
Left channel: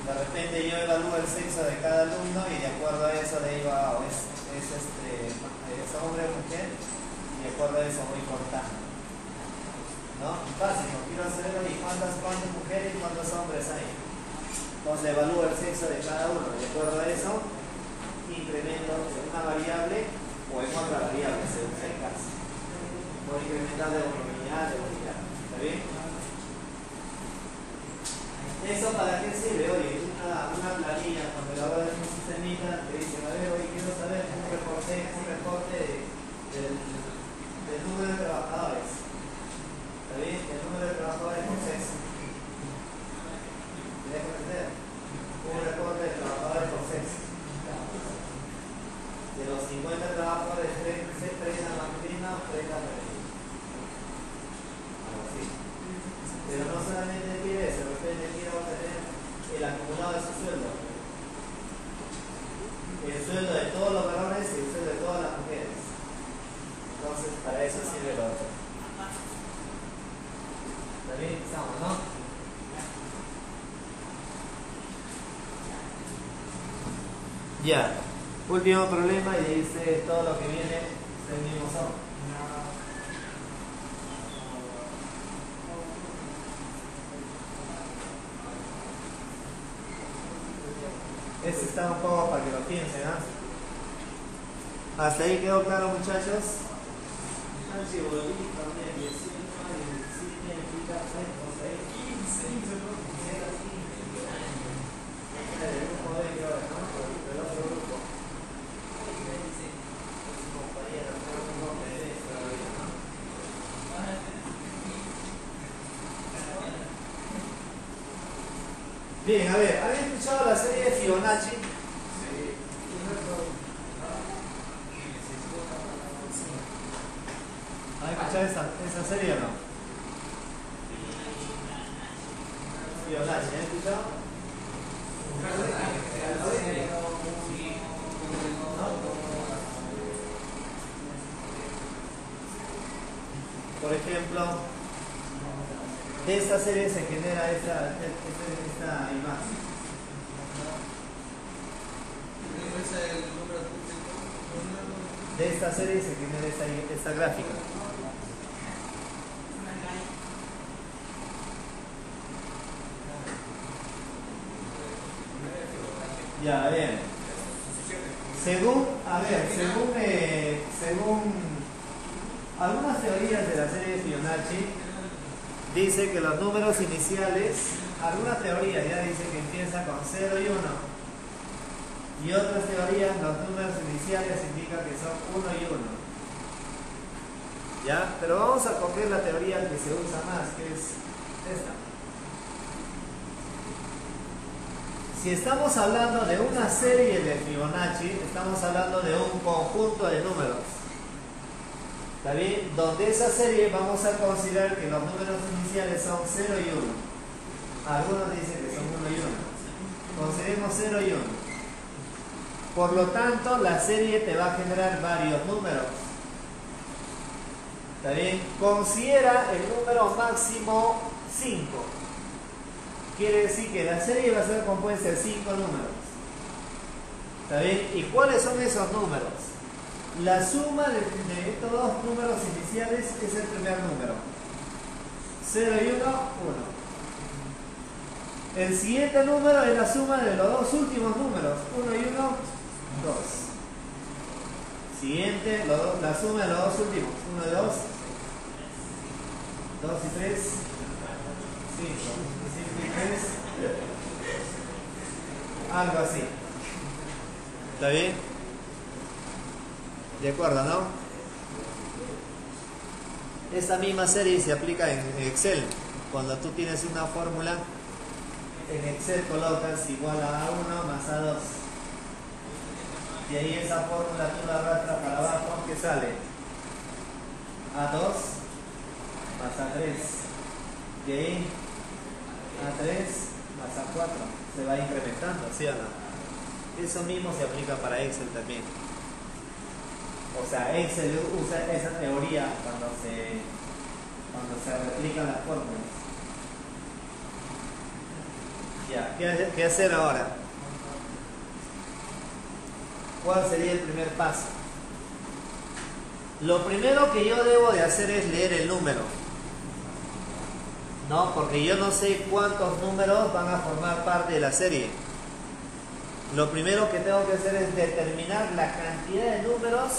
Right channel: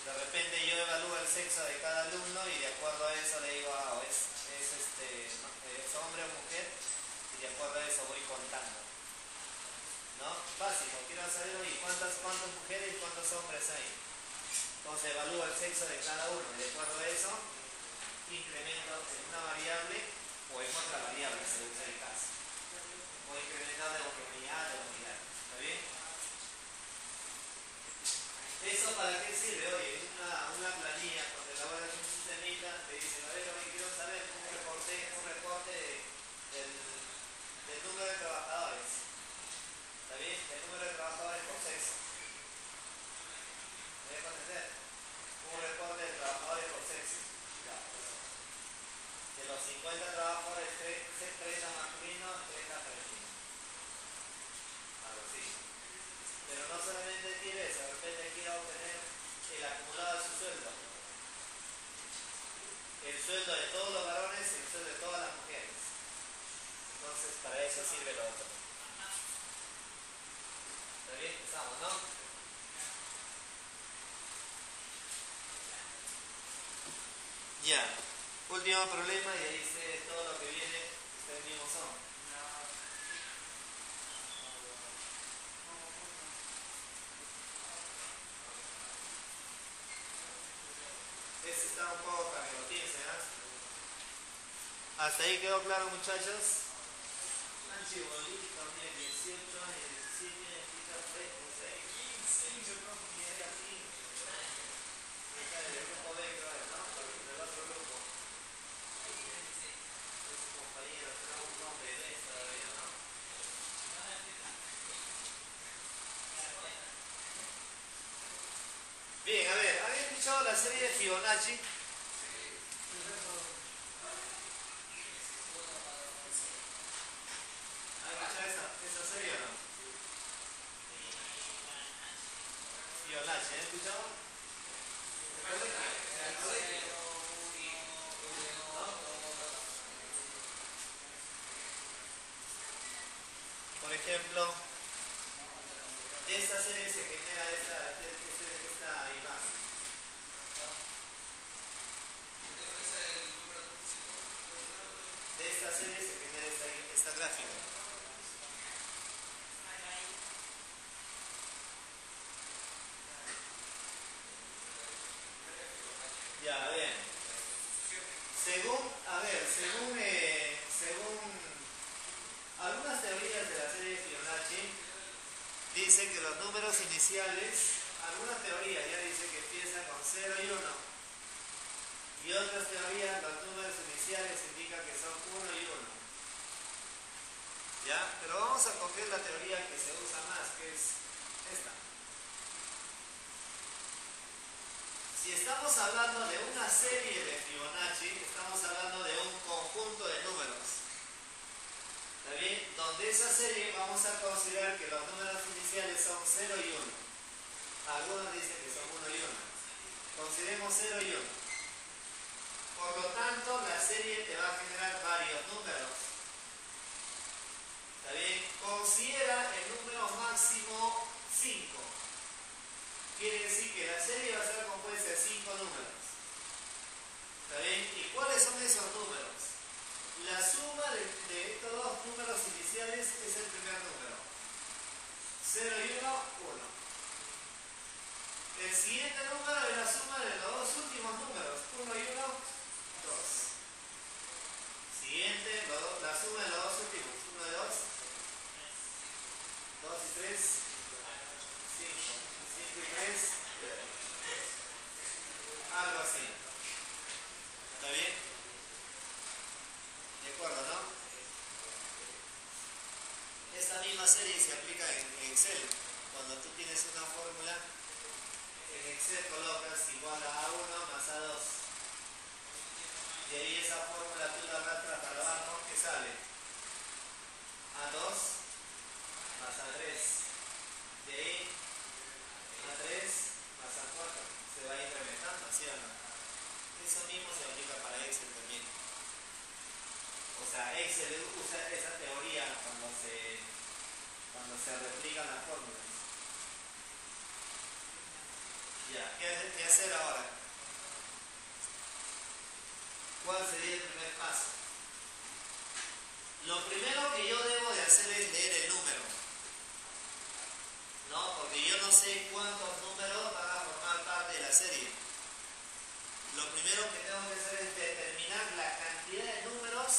De repente yo evalúo el sexo de cada alumno y de acuerdo a eso le digo, es hombre o mujer, y de acuerdo a eso voy contando. ¿No? Básico, quiero saber hoy cuántas mujeres y cuántos hombres hay. Entonces evalúo el sexo de cada uno, de acuerdo a eso, incremento en una variable o en otra variable, según sea el caso. Voy incrementando de unidad, ¿está bien? ¿Eso para qué sirve? Oye, una planilla, cuando lo hago en un sistemita, te dice, a ver, oye, quiero saber un reporte del número de trabajadores. ¿Está bien? El número de trabajadores por sexo. ¿Me dejo entender? Un reporte de trabajadores por sexo. De los 50 trabajadores, 30 masculinos, 30 femeninos. Algo así. Pero no solamente tiene eso, de repente quiero obtener el acumulado de su sueldo. El sueldo de todos los varones y el sueldo de todas las mujeres. Entonces, para eso sirve lo otro. ¿Está bien? Estamos, ¿no? Ya. Último problema y ahí dice todo lo que viene es el mismo sabor. Este está un poco para que lo piensen, ¿no? ¿Hasta ahí quedó claro, muchachos? Bien, a ver, ¿habéis escuchado la serie de Fibonacci? ¿Han escuchado esa serie o no? Fibonacci, ¿han escuchado? Por ejemplo, de esta serie se genera esta imagen. De esta serie se genera esta gráfica. Ya, a ver. Según algunas teorías de la serie de Fibonacci, dice que los números iniciales algunas teorías ya dicen que empieza con 0 y 1. Y otras teorías, los números iniciales indican que son 1 y 1. ¿Ya? Pero vamos a coger la teoría que se usa más, que es esta. Si estamos hablando de una serie de Fibonacci, estamos hablando de un conjunto de números. ¿Está bien? Donde esa serie vamos a considerar que los números iniciales son 0 y 1. Algunos dicen que son 1 y 1. Consideremos 0 y 1. Por lo tanto, la serie te va a generar varios números. ¿Está bien? Considera el número máximo 5. Quiere decir que la serie va a ser compuesta de 5 números. ¿Está bien? ¿Y cuáles son esos números? La suma de estos dos números iniciales es el primer número. 0 y 1, 1. El siguiente número es la suma de los dos últimos números. 1 y 1, 2. Siguiente, la suma de los dos últimos. 1 y 2. 2 y 3. 5. 5 y 3. Algo así. ¿Está bien? De acuerdo, ¿no? Esta misma serie se aplica en Excel. Cuando tú tienes una fórmula, en Excel colocas igual a A1 más A2. Y ahí esa fórmula tú la arrastras para abajo, ¿qué sale? A2 más A3. De ahí A3 más A4. Se va incrementando, ¿sí o no? Eso mismo se aplica para Excel también. O sea, Excel usa esa teoría cuando se replican las fórmulas. Ya, ¿qué hacer ahora? ¿Cuál sería el primer paso? Lo primero que yo debo de hacer es leer el número. ¿No? Porque yo no sé cuántos números van a formar parte de la serie. Lo primero que tengo que hacer es determinar la cantidad de números,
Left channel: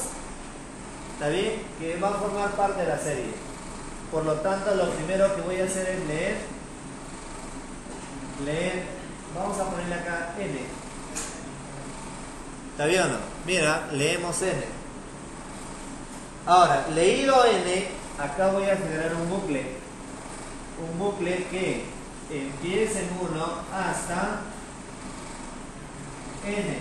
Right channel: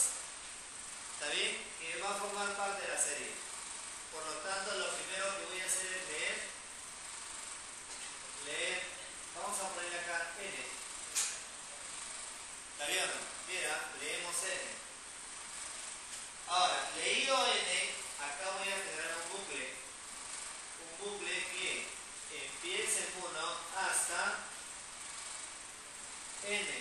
¿está bien?, que va a formar parte de la serie. Por lo tanto, lo primero que voy a hacer es leer, vamos a ponerle acá N. ¿Está bien o no? Mira, leemos N. Ahora, leído N, acá voy a generar un bucle. Un bucle que empiece en 1 hasta N.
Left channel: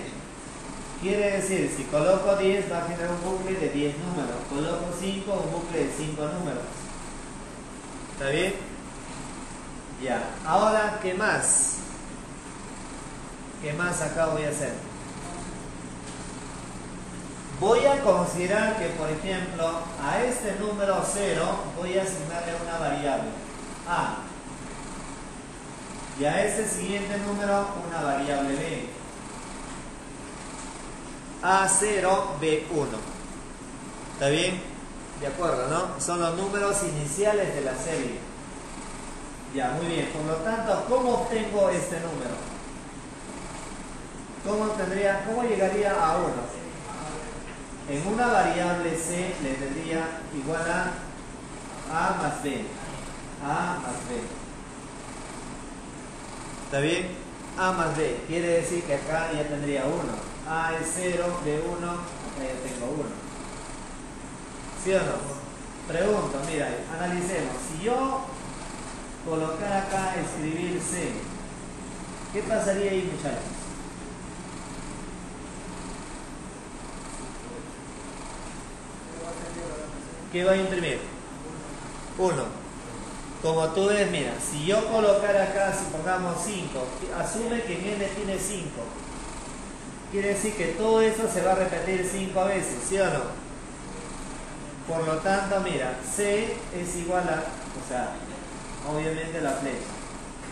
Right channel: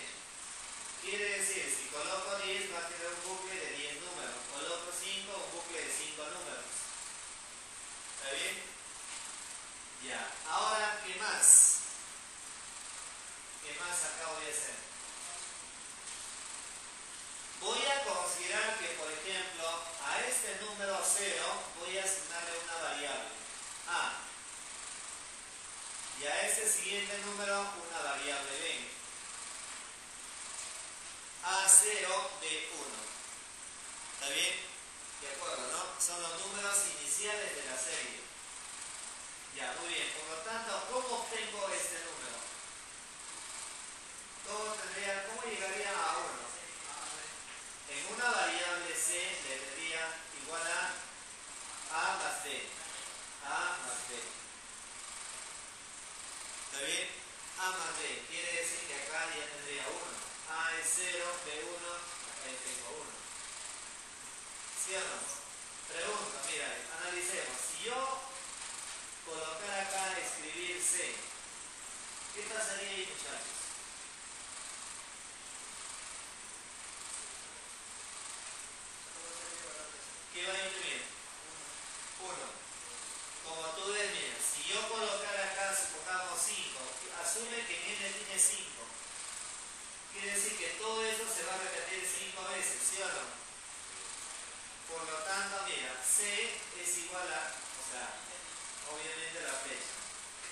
Quiere decir, si coloco 10 va a generar un bucle de 10 números. Coloco 5, un bucle de 5 números. ¿Está bien? Ya. Ahora, ¿qué más? ¿Qué más acá voy a hacer? Voy a considerar que, por ejemplo, a este número 0 voy a asignarle una variable A. Y a este siguiente número una variable B. A0, B1. ¿Está bien? De acuerdo, ¿no? Son los números iniciales de la serie. Ya, muy bien. Por lo tanto, ¿cómo obtengo este número? ¿Cómo llegaría a 1? En una variable C le tendría igual a más B. A más B. ¿Está bien? A más B. Quiere decir que acá ya tendría 1. A es 0, B1, acá ya tengo 1. ¿Sí o no? Pregunto, mira, analicemos. Si yo colocar acá, escribir C, ¿qué pasaría ahí, muchachos? ¿Qué va a imprimir? 1. Como tú ves, mira, si yo colocar acá, supongamos 5, asume que en N tiene 5. Quiere decir que todo eso se va a repetir 5 veces, ¿sí o no? Por lo tanto, mira, C es igual a, o sea, obviamente la flecha.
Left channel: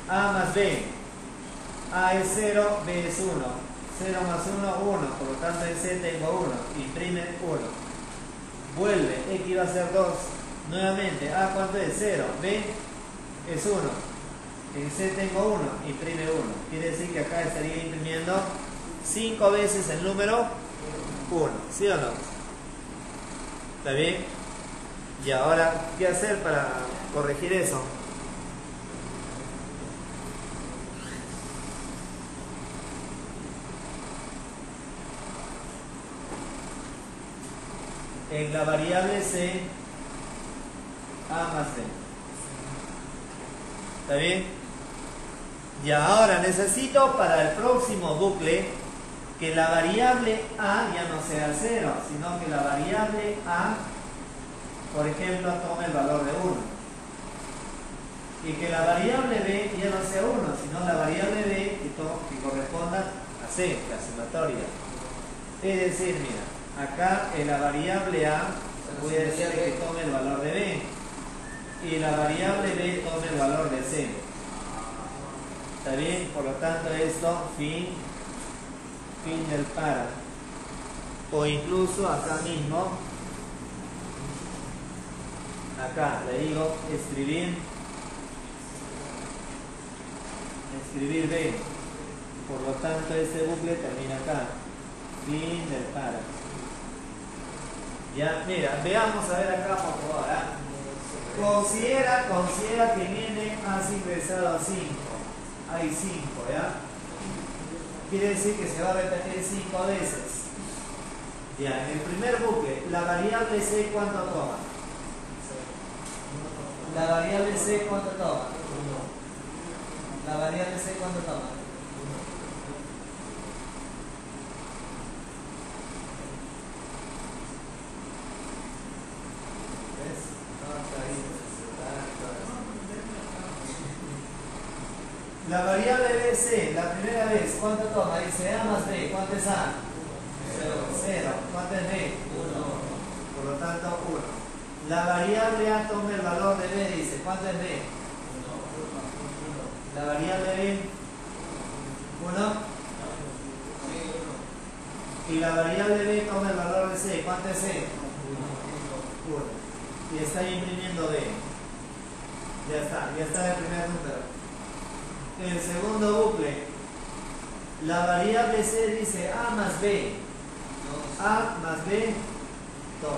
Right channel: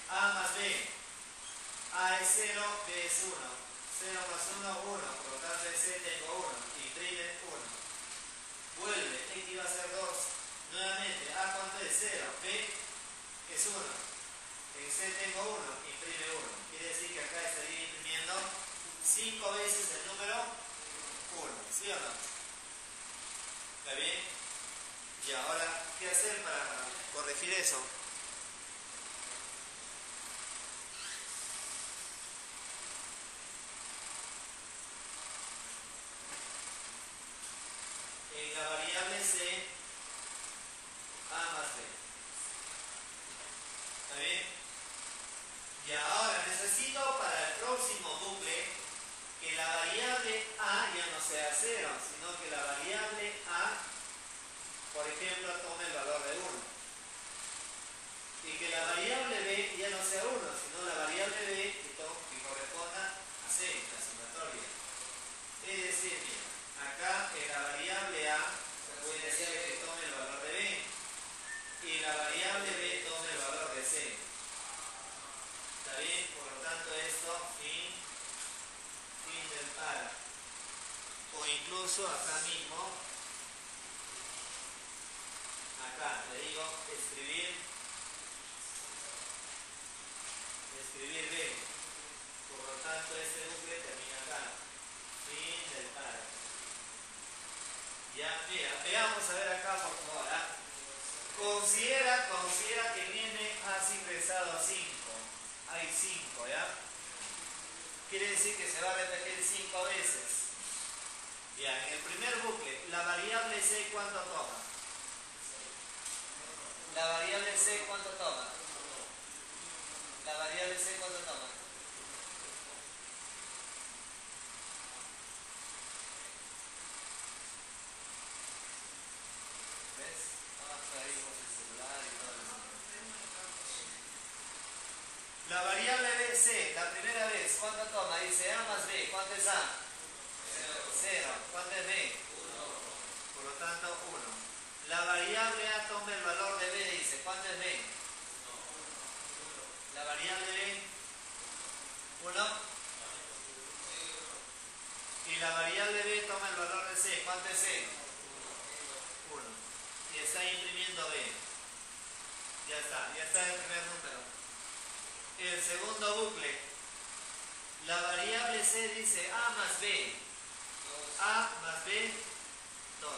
A más B. A es 0, B es 1. 0 más 1, 1. Por lo tanto, en C tengo 1. Imprime 1. Vuelve, X va a ser 2. Nuevamente, A cuánto es 0, B es 1. En C tengo 1, imprime 1. Quiere decir que acá estaría imprimiendo 5 veces el número 1. ¿Sí o no? ¿Está bien? Y ahora, ¿qué hacer para corregir eso? en la variable C A más B. ¿Está bien? Y ahora necesito para el próximo bucle que la variable A ya no sea 0, sino que la variable A, por ejemplo, tome el valor de 1. Y que la variable B ya no sea 1, sino la variable B que corresponda a C, la sumatoria. Es decir, mira, acá en la variable A voy a decir que tome el valor de B. Y la variable B tome el valor de C. ¿Está bien? Por lo tanto, esto, fin del para. O incluso acá mismo, acá le digo escribir B. Por lo tanto, este bucle termina acá. Fin del para. Ya, mira, veamos a ver acá por favor. Considera que viene has ingresado a 5. Hay 5, ¿ya? Quiere decir que se va a repetir 5 veces. Ya, en el primer bucle, la variable C, ¿cuánto toma? La variable C, ¿cuánto toma? La variable C, ¿cuánto toma? La variable BC, la primera vez, ¿cuánto toma? Dice A más B, ¿cuánto es A? 0. ¿Cuánto es B? 1. Por lo tanto, 1. La variable A toma el valor de B, dice, ¿cuánto es B? 1. La variable B, 1. Y la variable B toma el valor de C, ¿cuánto es C? 1. Y está imprimiendo B. Ya está el primer número. El segundo bucle, la variable C dice A más B. A más B, 2.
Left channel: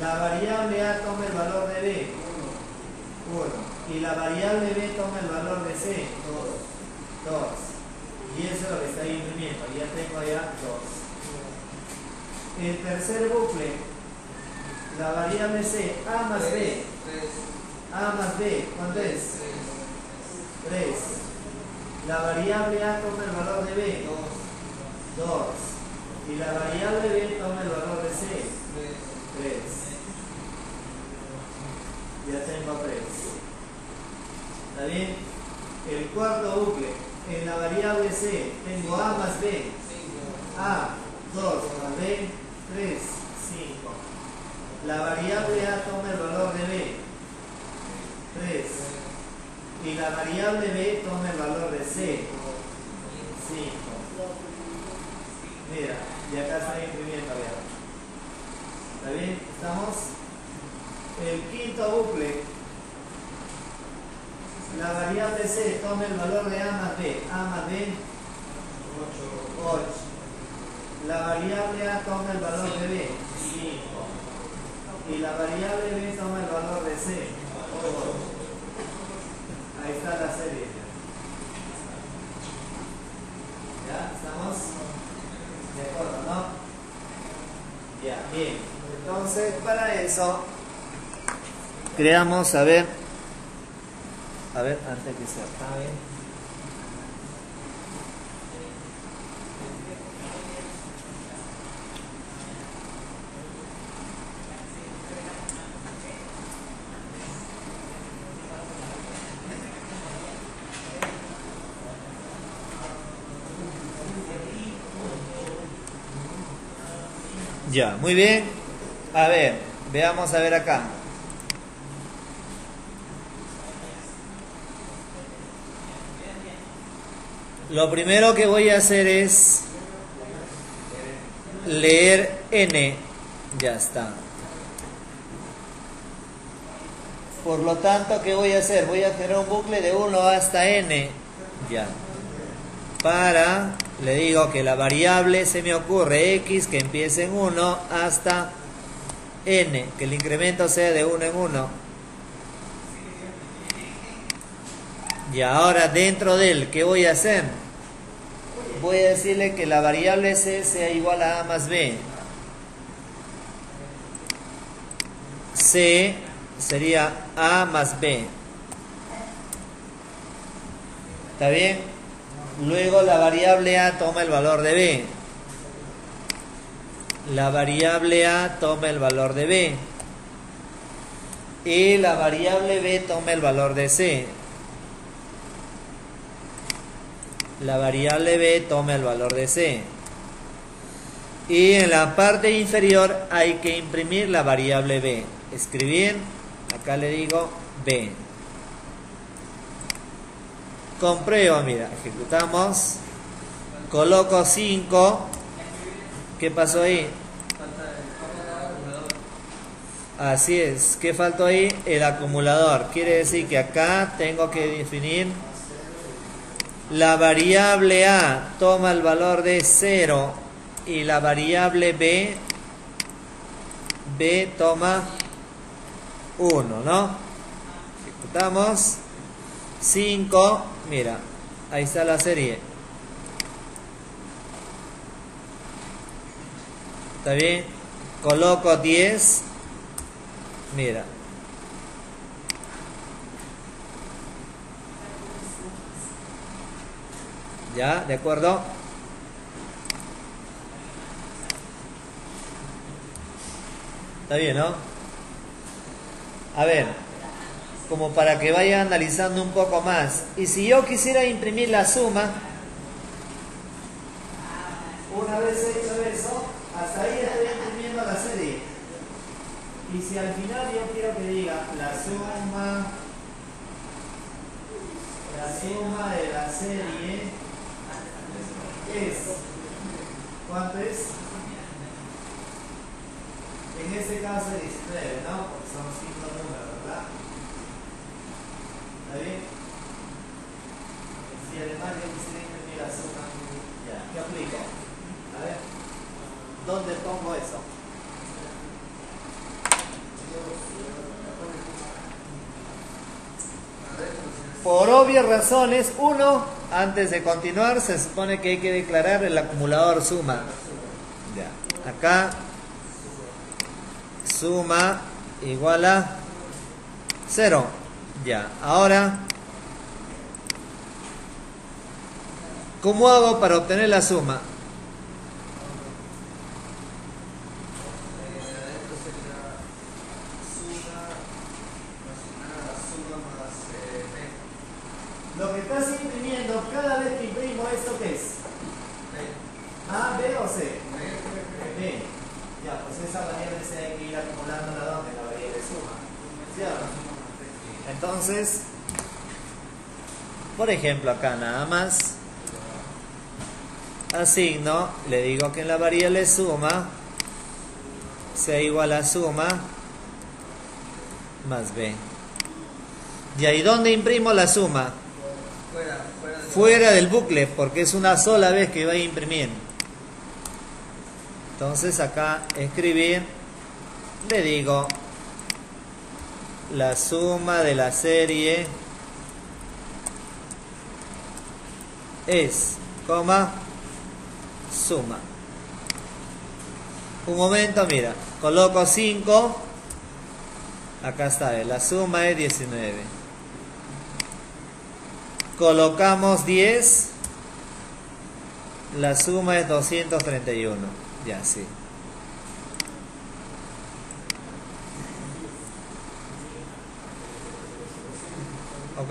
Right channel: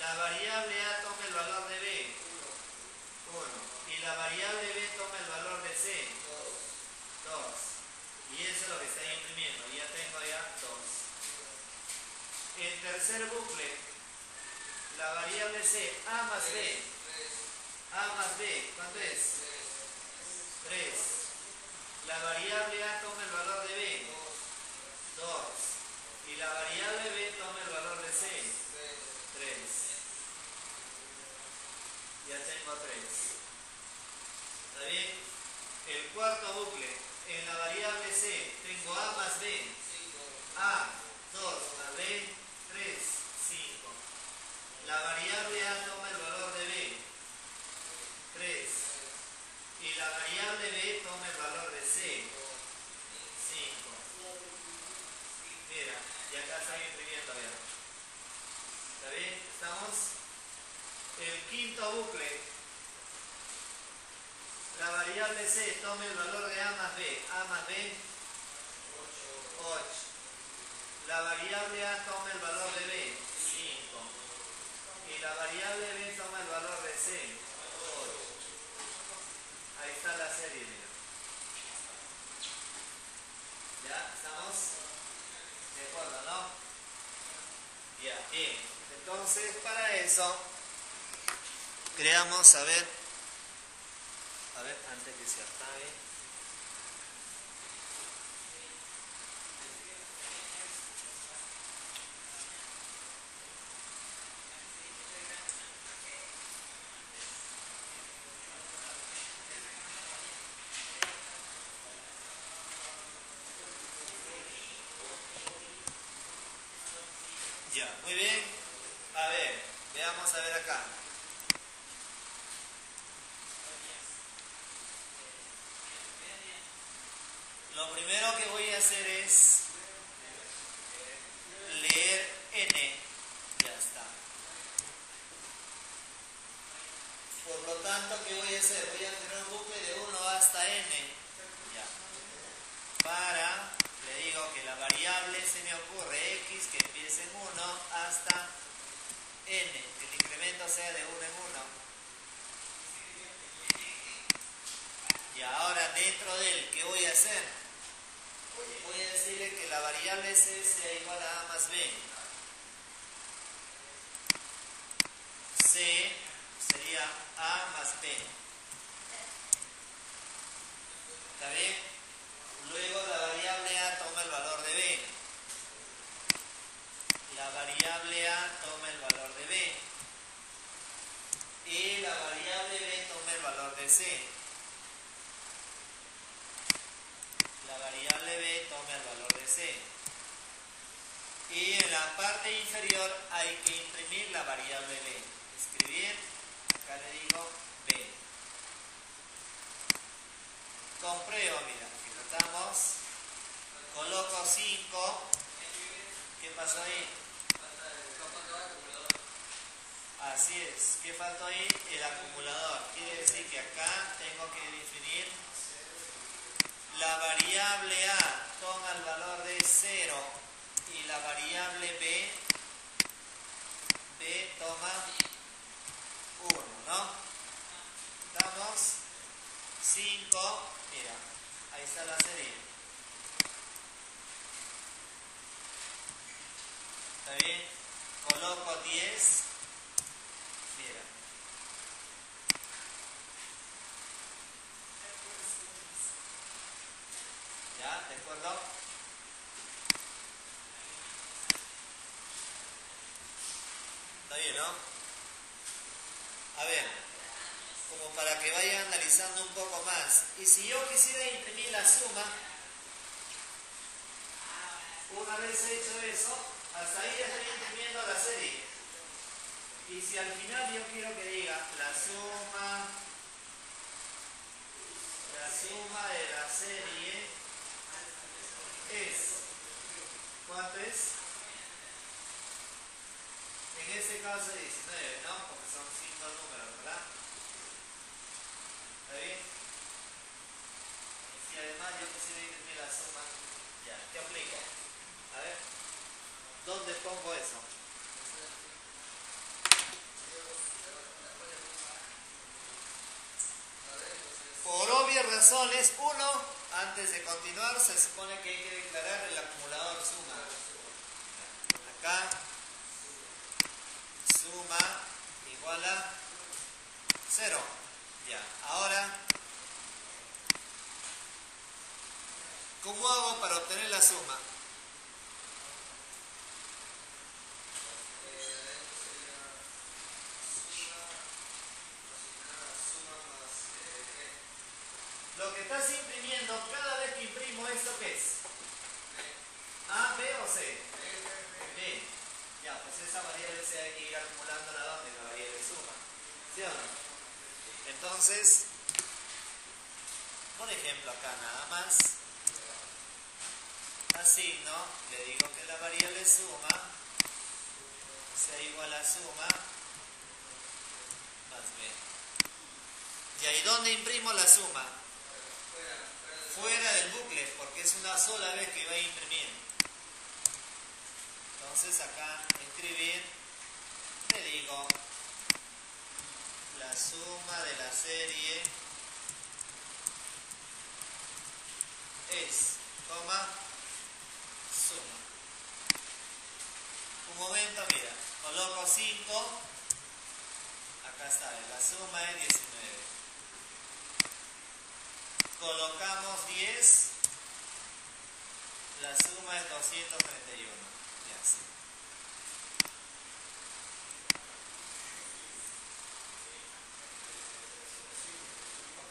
La variable A toma el valor de B, 1. Y la variable B toma el valor de C, 2. Y eso es lo que está imprimiendo. Ya tengo allá 2. El tercer bucle, la variable C, A más B. A más B, ¿cuánto es? 3. La variable A toma el valor de B, 2. Y la variable B toma el valor de C, 3. Ya tengo 3. ¿Está bien? El cuarto bucle, en la variable C tengo A más B. A, 2 más B, 3, 5. La variable A toma el valor de B, 3. Y la variable B toma el valor de C, 5. Mira, y acá está imprimiendo, vean. ¿Está bien? ¿Estamos? El quinto bucle, la variable C toma el valor de A más B. A más B, 8. La variable A toma el valor de B, 5. Y la variable B toma el valor de C, 8. Ahí está la serie. ¿Ya? ¿Estamos? ¿De acuerdo, no? Ya, bien. Entonces, para eso, creamos, a ver, antes que se acabe. Ya, muy bien. A ver, veamos a ver acá. Lo primero que voy a hacer es leer n. Ya está. Por lo tanto, ¿qué voy a hacer? Voy a hacer un bucle de 1 hasta n. Ya. Para, le digo que la variable se me ocurre x que empiece en 1 hasta n, que el incremento sea de 1 en 1. Y ahora dentro de él, ¿qué voy a hacer? Voy a decirle que la variable c sea igual a a más b. C sería A más B. ¿Está bien? Luego la variable A toma el valor de B. La variable A toma el valor de B. Y la variable B toma el valor de C. La variable B toma el valor de C. Y en la parte inferior hay que imprimir la variable B. Escribir, acá le digo B. Compruebo, mira, ejecutamos. Coloco 5. ¿Qué pasó ahí? Así es. ¿Qué faltó ahí? El acumulador. Quiere decir que acá tengo que definir la variable A toma el valor de 0 y la variable B toma 1, ¿no? Ejecutamos. 5, mira, ahí está la serie. ¿Está bien? Coloco 10, mira. ¿Ya? ¿De acuerdo? Está bien, ¿no? A ver, como para que vaya analizando un poco más. Y si yo quisiera imprimir la suma, una vez hecho eso, hasta ahí estoy imprimiendo la serie. Y si al final yo quiero que diga la suma de la serie es, ¿cuánto es? En este caso 19, ¿no? Porque son 5 números, ¿verdad? ¿Está bien? Si además yo quisiera imprimir la suma, ya, ¿qué aplico? A ver, ¿dónde pongo eso? Por obvias razones, antes de continuar, se supone que hay que declarar el acumulador suma. Ya, acá, suma igual a 0. Ya, ahora, ¿cómo hago para obtener la suma? Lo que estás imprimiendo, cada vez que imprimo esto, ¿qué es? ¿A, B o C? B. Ya, pues esa variable C hay que ir acumulando la donde la variable suma. ¿Sí o no? Entonces, por ejemplo, acá nada más asigno, le digo que en la variable suma sea igual a suma más B. ¿Y ahí dónde imprimo la suma? Fuera del bucle, porque es una sola vez que voy a imprimir. Entonces acá escribir, le digo la suma de la serie es, coma, suma. Un momento, mira, coloco 5, acá está, la suma es 19. Colocamos 10, la suma es 231. Ya, sí. ¿Ok?